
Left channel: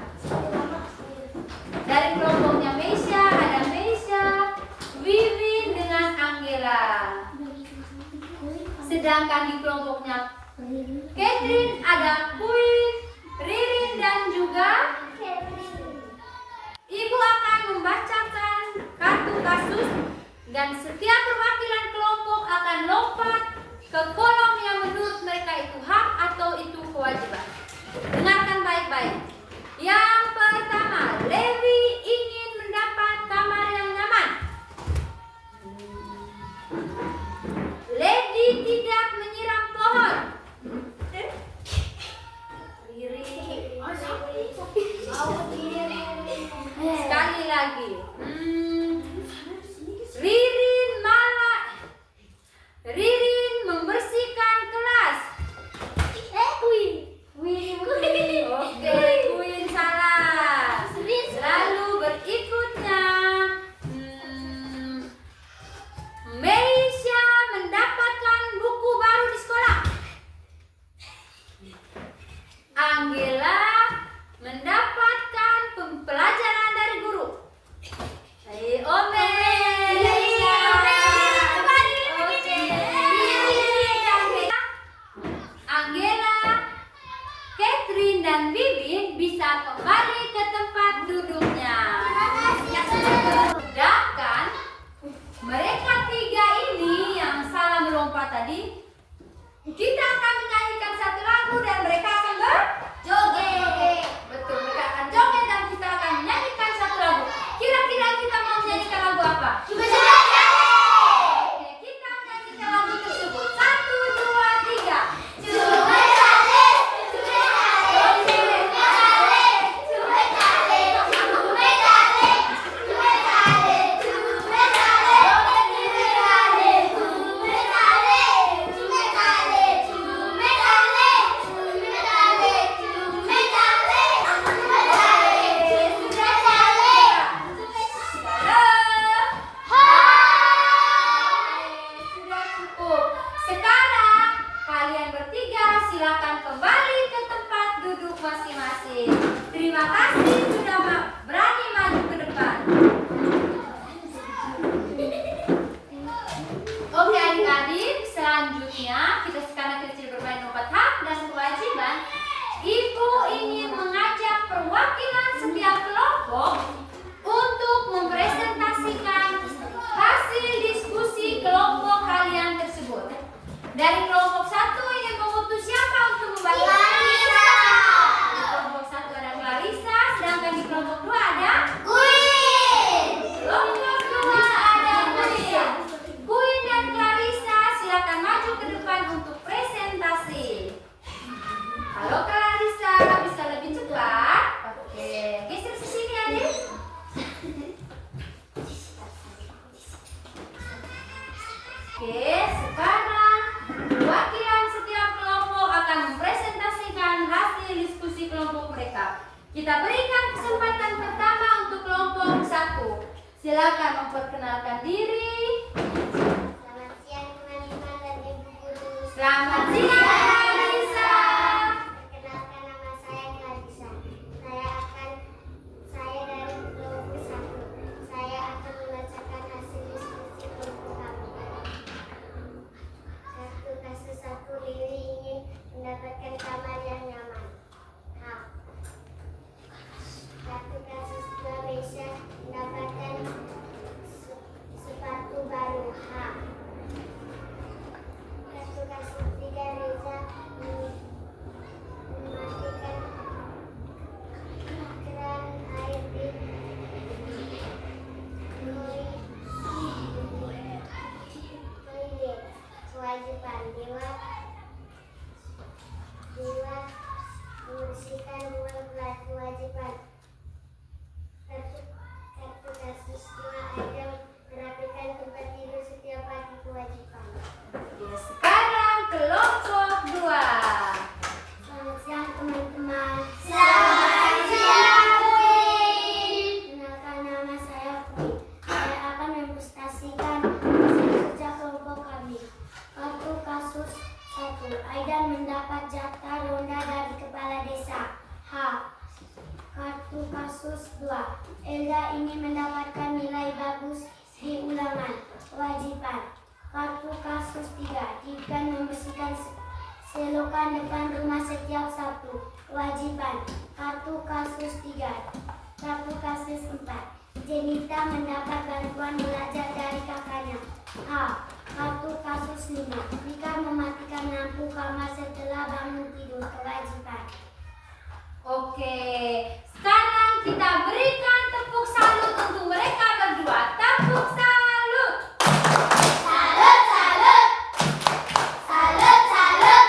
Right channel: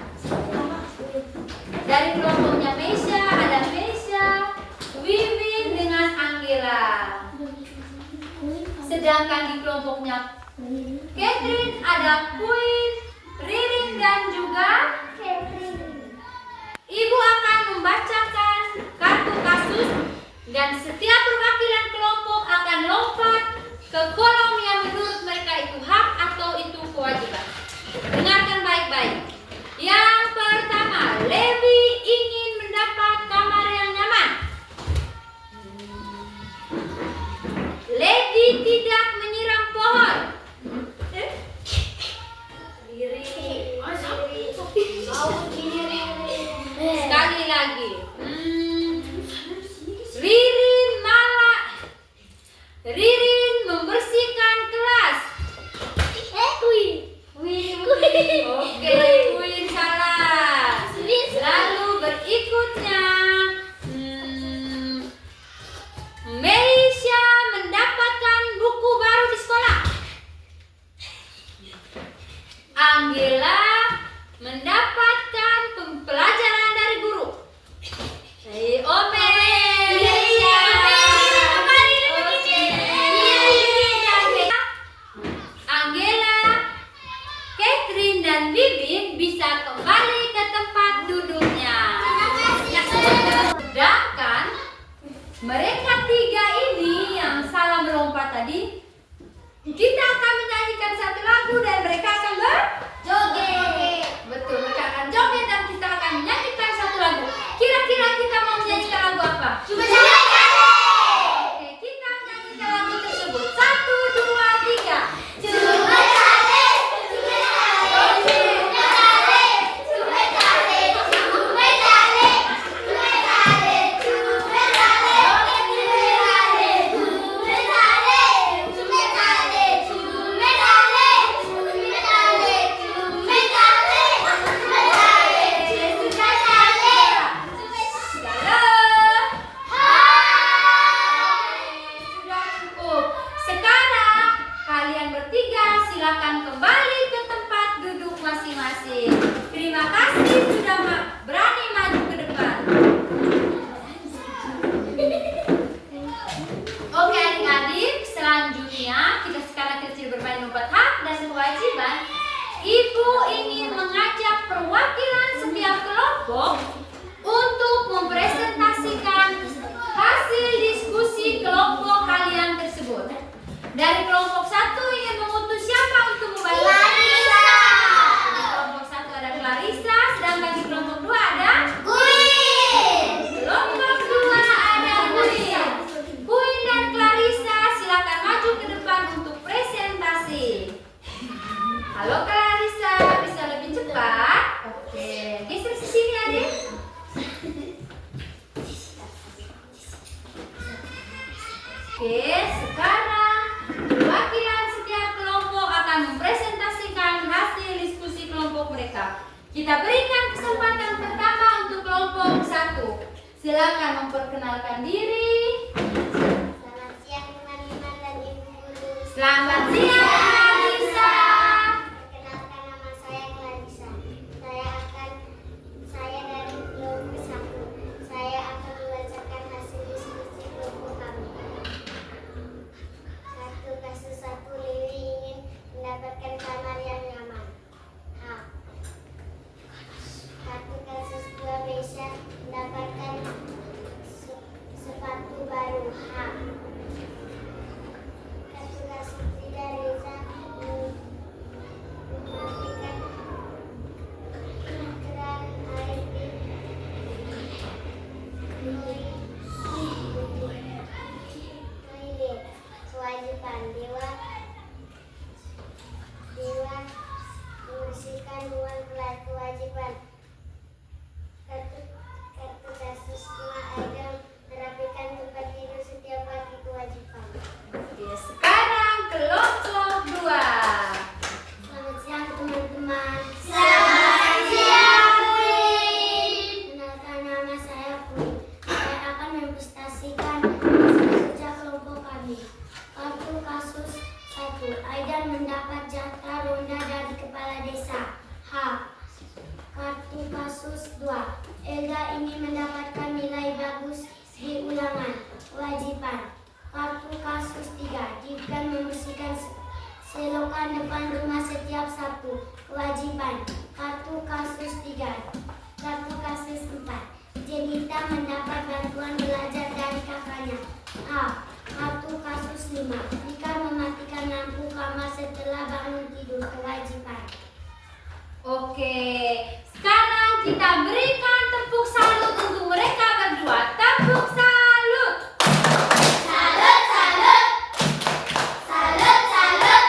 Dari kelompoknya Meisha ada Meisha, Wiwin dengan Angela. Sedangkan di kelompoknya Catherine ada Queen, Ririn dan juga ibu akan membacakan kartu kasus dan setiap perwakilan kelompok akan lompat ke kolom yang menurut mereka itu hak atau itu kewajiban. Dengarkan baik-baik. Yang pertama, Levi ingin mendapat kamar yang nyaman. Lady tidak menyiram pohon. kelompok untuk mempresentasikan hasil diskusi kelompok kalian tersebut. Dari kelompok 1 ingin mengutus siapa untuk membantu? Clarissa. Di kelompok 1 ada Clarissa, sedangkan di kelompok 2 ada Queen. kelompok 2 ada Queen. Queen dan Clarissa silakan maju ke depan untuk presentasi. Halo Clarissa, bisa lebih cepat? Oke, geser ke sini adik. Oke, sekarang perwakilan setiap kelompok akan mempresentasikan hasil diskusi kelompok mereka. Kita berikan kesempatan pertama untuk kelompok 1. Silakan memperkenalkan diri. Selamat siang teman-teman dan ibu guru. Selamat siang Clarissa. Perkenalkan nama saya Clarissa. Saya dari kelompok 1. Saya akan membacakan hasil diskusi kelompok kami. Satu kasus 1, Lili ingin mendapatkan kamar yang nyaman. H. Satu kasus 2, Mesya mendapatkan sepatu baru. H. Satu kasus 3, Reza mematikan keran air di toilet. Kewajiban Dewa membersihkan ruang kelas. Kewajiban kartu kasus 5, Adam merapikan tempat tidur setiap pagi. Kewajiban. Oke, sekarang kelompok 2. Selamat siang teman-teman. Selamat siang Queen. Kenalkan nama saya Queen. Saya akan mempresentasikan hasil kerja kelompok kami. Kartu kasus 1, Aidan mendapat jatah ronda dari kepala desa. H. Kartu kasus 2, Elga ingin mendapatkan nilai bagus di ulangan. Kewajiban. Kartu kasus 3, Gibran membersihkan selokan depan rumah setiap Sabtu. Kewajiban. Kartu kasus 3. Kartu kasus 4, Jenita mendapat bantuan belajar dari kakaknya. H. Kartu kasus 5, Rika mematikan lampu kamar setelah bangun tidur. Kewajiban. Oke, sekarang kita berikan tepuk salut untuk mereka berdua. Tepuk salut. Salut, salut. Salut, salut.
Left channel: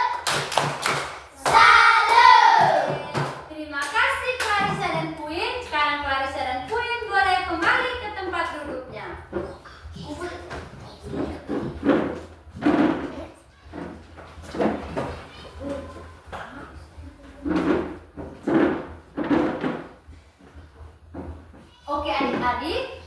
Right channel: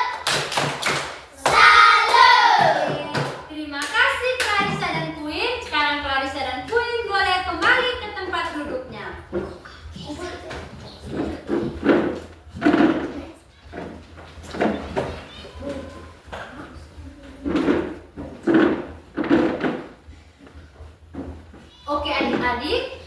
Salut. Terima kasih Clarissa dan Queen. Sekarang Clarissa dan Queen boleh kembali ke tempat duduknya. Oke adik-adik,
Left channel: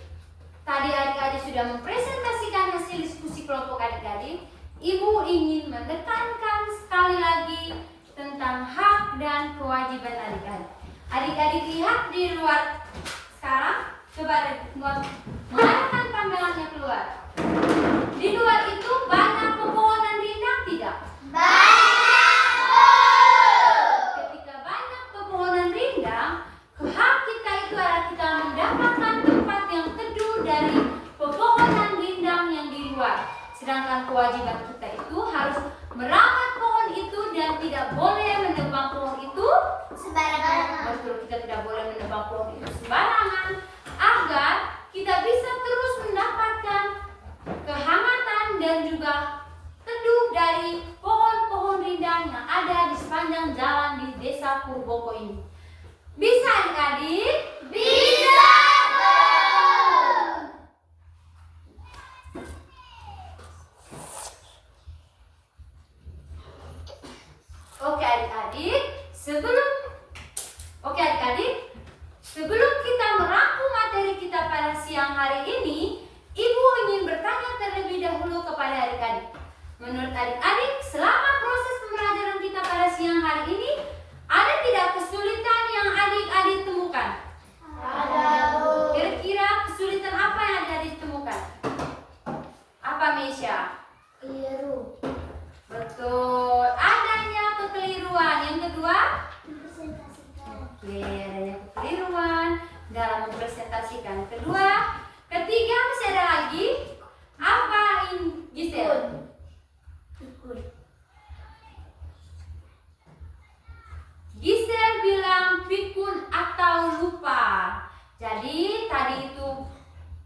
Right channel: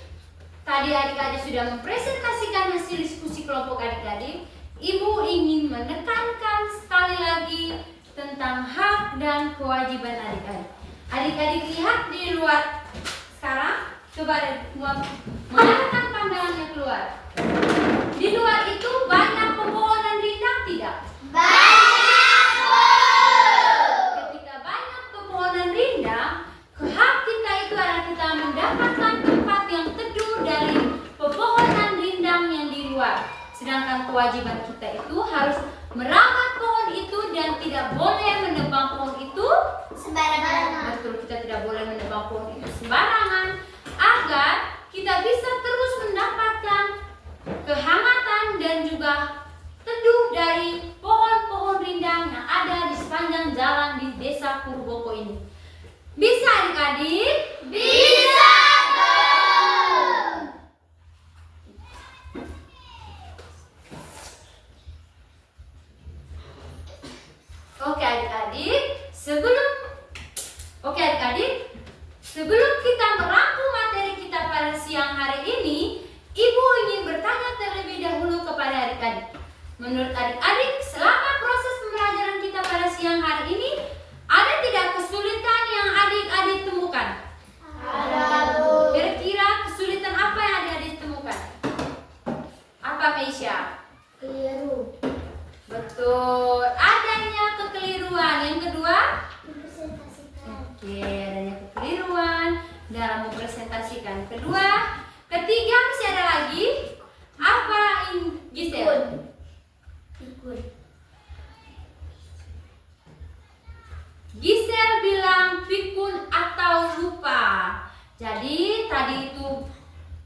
tadi adik-adik sudah mempresentasikan hasil diskusi kelompok adik-adik. Ibu ingin menekankan sekali lagi tentang hak dan kewajiban adik-adik. Adik-adik lihat di luar sekarang, coba mengarahkan pandangannya keluar. Di luar itu banyak pepohonan rindang tidak? Ketika banyak pepohonan rindang, hak kita itu adalah kita mendapatkan tempat yang teduh dari pepohonan rindang yang di luar. Sedangkan kewajiban kita itu harus merawat pohon itu dan tidak boleh menebang pohon itu Sembarangan. Betul, kita tidak boleh menebang pohon itu sembarangan agar kita bisa terus mendapatkan kehangatan dan juga teduh dari pohon-pohon rindang yang ada di sepanjang jalan di desa Purboko ini. Bisa adik-adik? Bisa. Oke adik-adik, sebelum kita merangkum materi kita pada siang hari ini, Ibu ingin bertanya terlebih dahulu kepada adik-adik. Menurut adik-adik, selama proses pembelajaran kita pada siang hari ini, ada tidak kesulitan yang adik-adik temukan? Ada. Kira-kira kesulitan apa yang adik-adik temukan? Apa Mesya? Keliru. Betul, adanya kekeliruan. Yang kedua? Mempresentasikan. Oke, adanya kekeliruan dalam presentasikan. Kedua, ketiga masih ada lagi. Apa ini, Gisel? Gisel bilang pikun atau lupa. Jadi tadi itu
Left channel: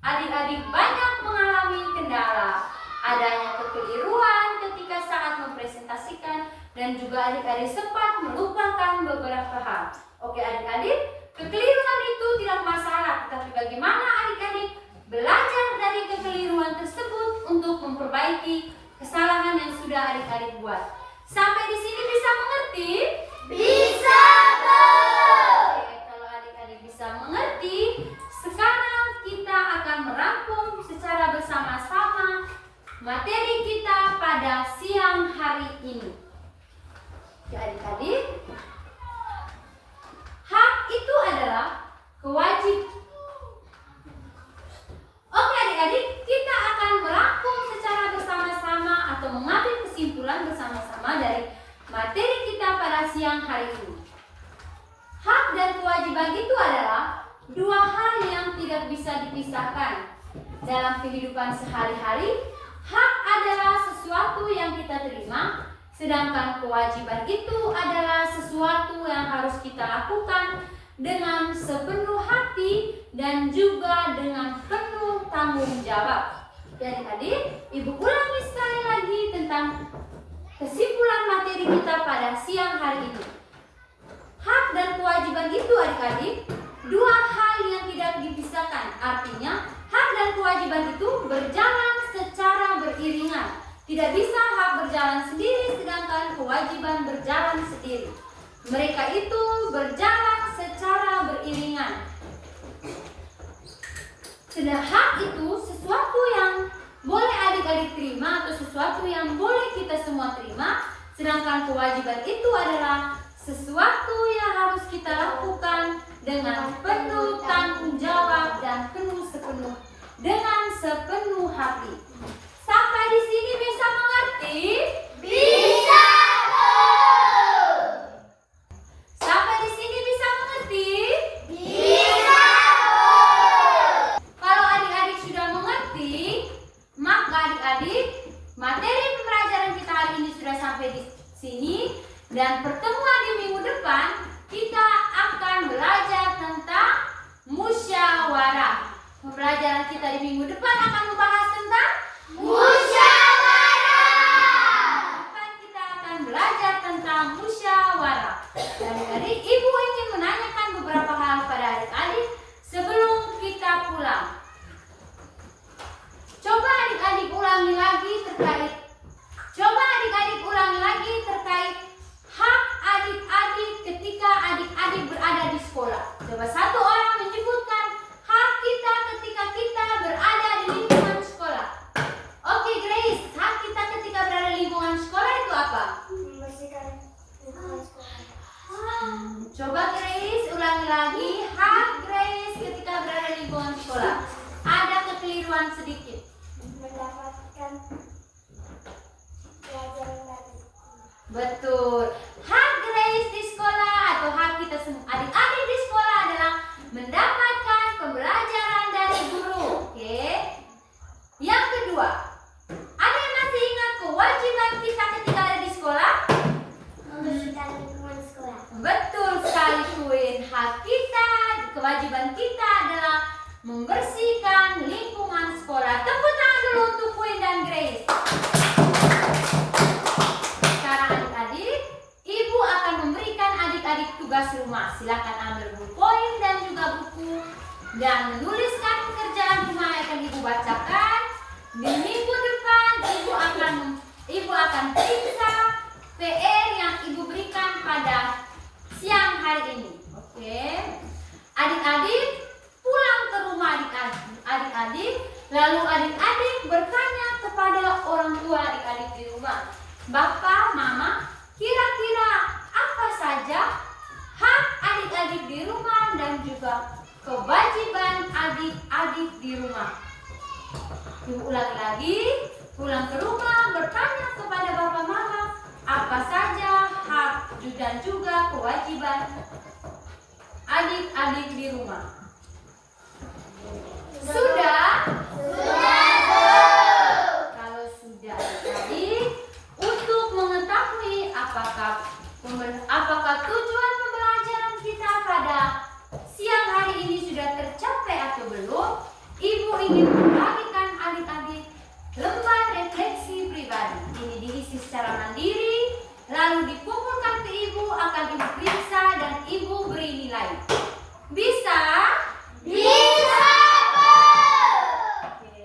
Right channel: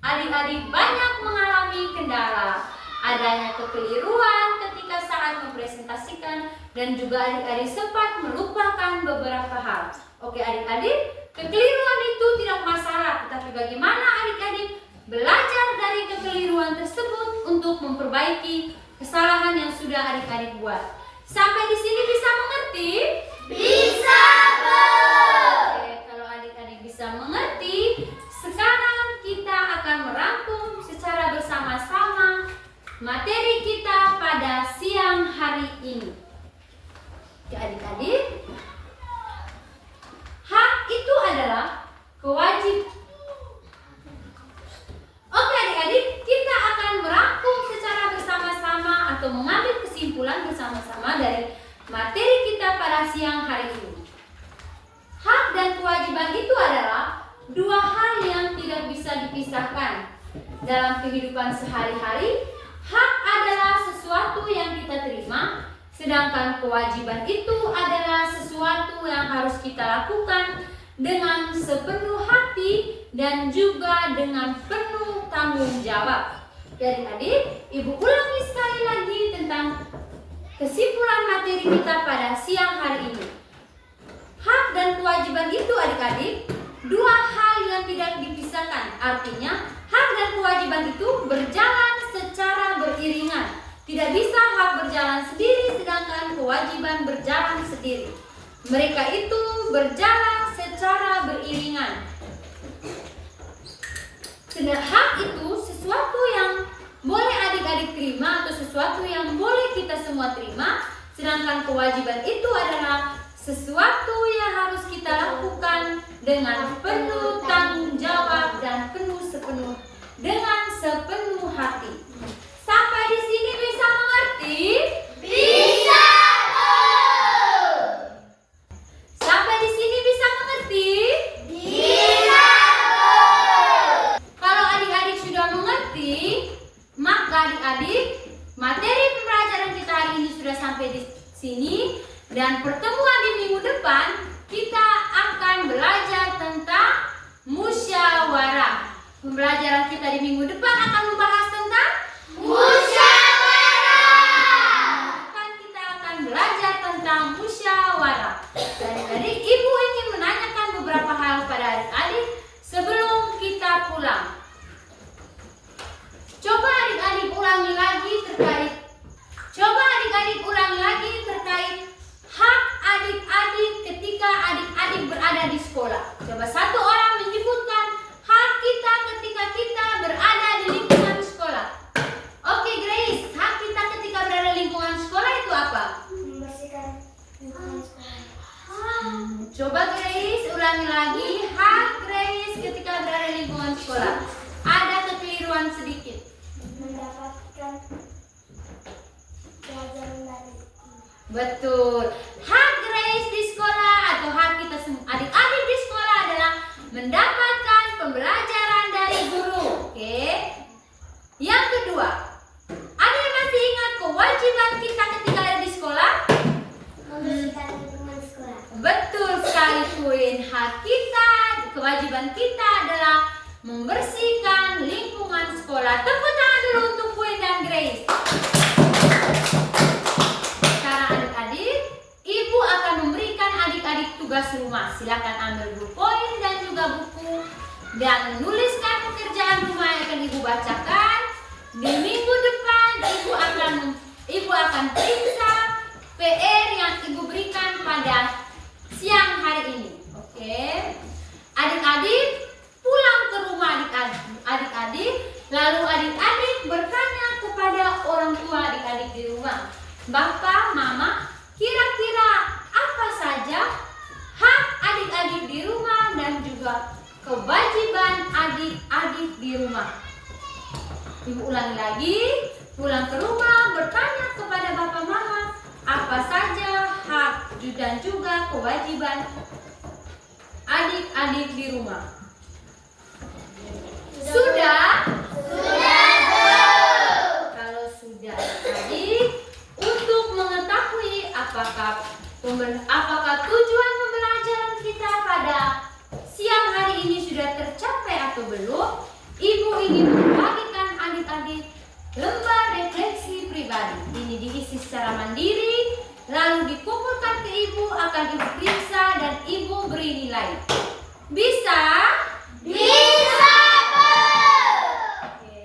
adik-adik banyak mengalami kendala, adanya kekeliruan ketika saat mempresentasikan, dan juga adik-adik sempat melupakan beberapa hal. Oke adik-adik, kekeliruan itu tidak masalah, tetapi bagaimana adik-adik belajar dari kekeliruan tersebut untuk memperbaiki kesalahan yang sudah adik-adik buat. Sampai di sini bisa mengerti? Bisa, Bu. Oke, kalau adik-adik bisa mengerti, sekarang kita akan merangkum secara bersama-sama materi kita pada siang hari ini. Oke adik-adik, hak itu adalah kewajiban. Oke adik-adik, kita akan merangkum secara bersama-sama atau mengambil kesimpulan bersama-sama dari materi kita pada siang hari ini. Hak dan kewajiban itu adalah dua hal yang tidak bisa dipisahkan. Dalam kehidupan sehari-hari, hak adalah sesuatu yang kita terima, sedangkan kewajiban itu adalah sesuatu yang harus kita lakukan dengan sepenuh hati dan juga dengan penuh tanggung jawab. Adik-adik, Ibu ulangi sekali lagi tentang kesimpulan materi kita pada siang hari ini. Hak dan kewajiban itu adik-adik dua hal yang tidak dipisahkan. Artinya hak dan kewajiban itu berjalan secara beriringan. Tidak bisa hak berjalan sendiri sedangkan kewajiban berjalan sendiri. Mereka itu berjalan secara beriringan. Sedangkan hak itu sesuatu yang boleh adik-adik terima atau sesuatu yang boleh kita semua terima, sedangkan kewajiban itu adalah sesuatu yang harus kita lakukan dengan penuh tanggung jawab dan dengan sepenuh hati. Sampai di sini bisa mengerti? Bisa, Bu. Sampai di sini bisa mengerti? Bisa, Bu. Kalau adik-adik sudah mengerti, maka adik-adik materi pembelajaran kita hari ini sudah sampai di sini, dan pertemuan di minggu depan kita akan belajar tentang musyawarah. Pembelajaran kita di minggu depan akan membahas tentang Musyawarah. kita akan belajar tentang musyawarah. Adik-adik, Ibu ingin menanyakan beberapa hal pada adik-adik sebelum kita pulang. Coba adik-adik ulangi lagi terkait hak adik-adik ketika adik-adik berada di sekolah. Coba satu orang menyebutkan hak kita ketika kita berada di lingkungan sekolah. Oke Grace, hak kita ketika berada di lingkungan sekolah itu apa? Membersihkan lingkungan sekolah. Coba Grace ulangi lagi hak Grace ketika berada di lingkungan sekolah. Ada kekeliruan sedikit. Mendapatkan pelajaran dari Betul. Hak Grace di sekolah atau hak kita semua adik-adik di sekolah adalah mendapatkan pembelajaran dari guru. Oke. Yang kedua, ada yang masih ingat kewajiban kita ketika ada di sekolah? membersihkan lingkungan sekolah. Betul sekali Queen. Hak kita, kewajiban kita adalah membersihkan lingkungan sekolah. Tepuk tangan dulu untuk Queen dan Grace. Sekarang adik-adik, Ibu akan memberikan adik-adik tugas rumah. Silakan ambil buku dan juga buku dan menuliskan pekerjaan rumah yang akan Ibu bacakan. Di minggu depan Ibu akan periksa PR yang Ibu berikan pada siang hari ini. Oke. Adik-adik pulang ke rumah adik-adik, lalu adik-adik bertanya kepada orang tua adik-adik di rumah. Bapak, Mama, kira-kira apa saja hak adik-adik di rumah dan juga kewajiban adik-adik di rumah? Ibu ulangi lagi, pulang ke rumah bertanya kepada Bapak Mama apa saja hak dan juga kewajiban adik-adik di rumah. Apakah tujuan pembelajaran kita pada siang hari ini sudah tercapai atau belum? Ibu ingin membagikan adik-adik lembar refleksi pribadi. Ini diisi secara mandiri, lalu dikumpulkan ke ibu, akan ibu periksa dan ibu beri nilai. Bisa? Bisa, Bu. Oke.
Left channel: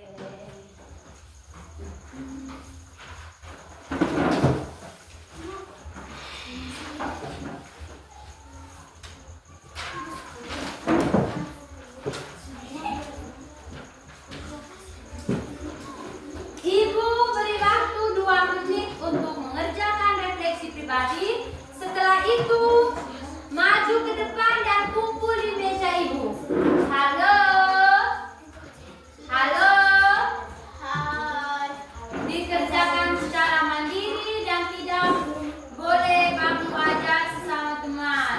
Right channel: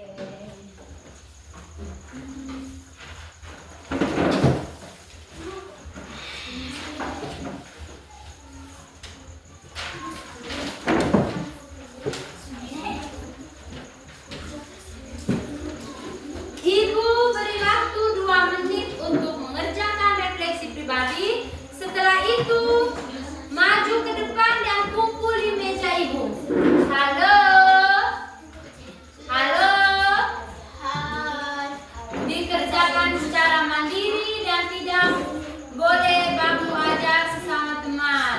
Ibu beri waktu 2 menit untuk mengerjakan refleksi pribadi. Setelah itu, maju ke depan dan kumpul di meja ibu. Halo? Halo? Hai. Dikerjakan secara mandiri dan tidak boleh kamu ajak sesama teman.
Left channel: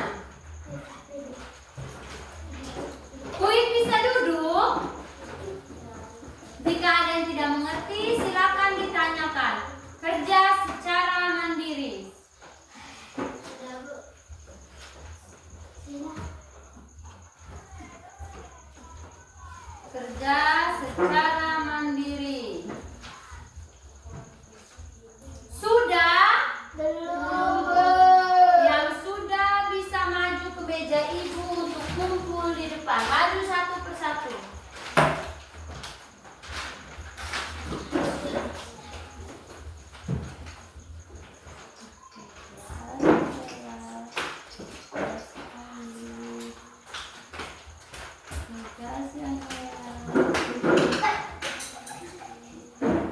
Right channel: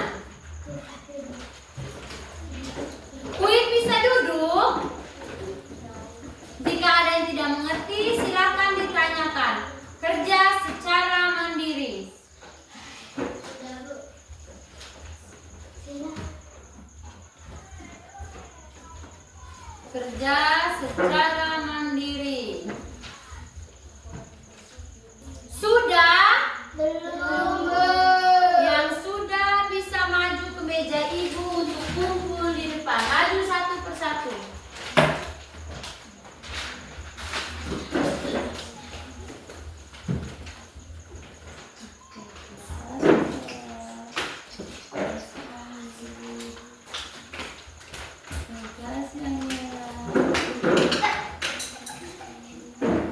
Kuit bisa duduk? Jika ada yang tidak mengerti, silakan ditanyakan. Kerja secara mandiri. Kerja secara mandiri. Sudah? Belum, Bu. Yang sudah bisa maju ke meja ibu untuk kumpul di depan. Maju satu persatu.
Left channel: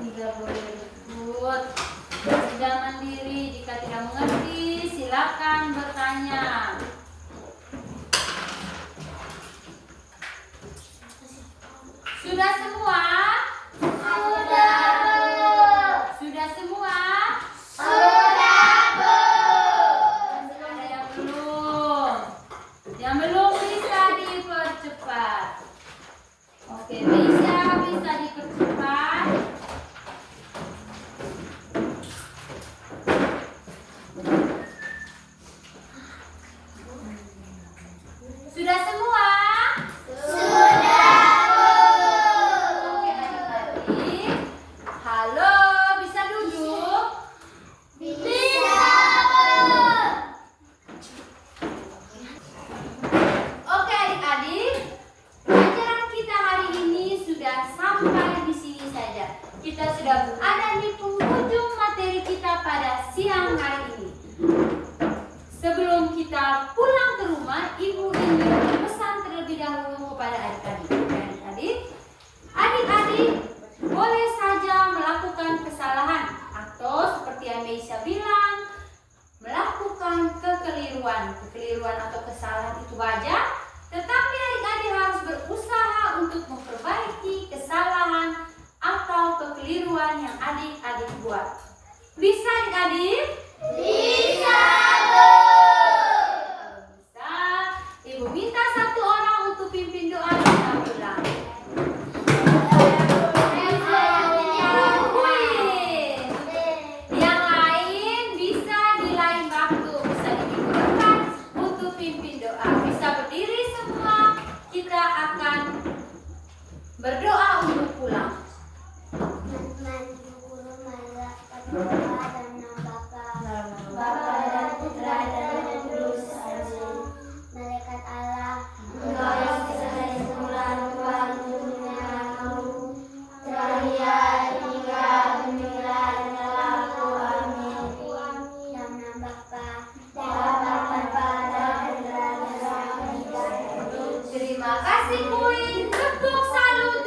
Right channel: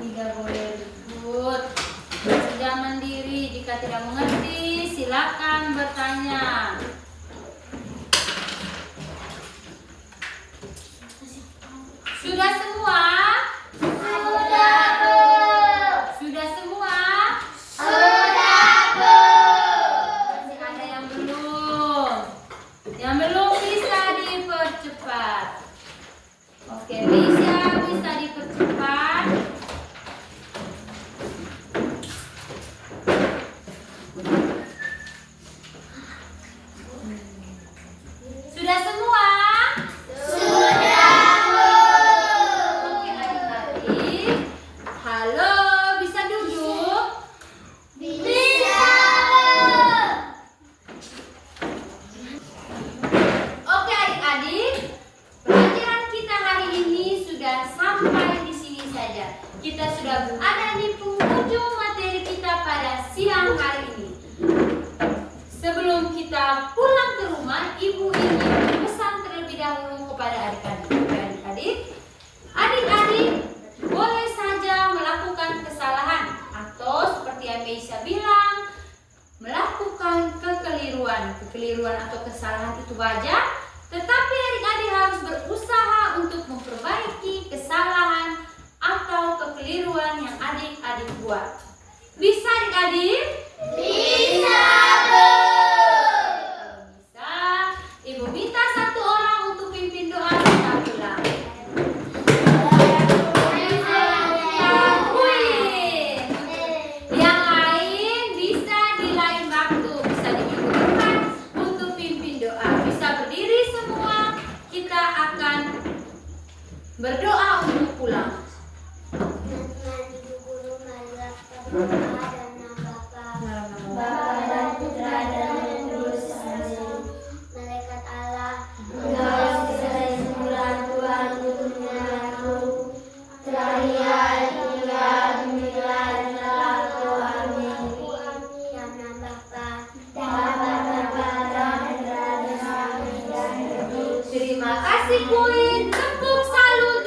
Tidak boleh ribut. Kerja mandiri. Jika tidak mengerti, silakan bertanya. Sudah semua? Sudah, Bu. Sudah semua? Sudah, Bu. Masih ada yang belum. Yang belum bisa dipercepat. Oke, bisa dipercepat. Sudah semua? Sudah, Bu. Oke, adik-adik. Halo, bisa duduk? Bisa, Bu. Oke, adik-adik. Pelajaran kita hari ini sudah sampai di sini saja. Kita sudah berada di penghujung materi kita pada siang hari ini. Sebelum kita pulang ke rumah, ibu ingin berpesan terlebih dahulu kepada adik-adik. Oke, adik-adik boleh saja melakukan kesalahan atau seperti yang Meisha bilang, melakukan kekeliruan atau kesalahan itu wajar, tetapi adik-adik harus berusaha untuk memperbaiki kesalahan atau kekeliruan yang adik-adik buat. Bisa adik-adik? Bisa, Bu. Kalau bisa, ibu minta satu orang untuk pimpin doa kita pulang. Yang lain bisa di lain waktu, bisa di minggu depan untuk pimpin doa. Bisa berdiri semua, kita akan berdoa untuk pulang. Bapa dan Putra dan Roh Kudus. Amin. Malaikat Allah, Engkau yang sekali semula Tuhan untuk menyelamatku. Terakhir hingga demikian aku. Amin. Yang nama Bapa dan Putra dan Roh Kudus. Terima kasih Queen. Tepuk salut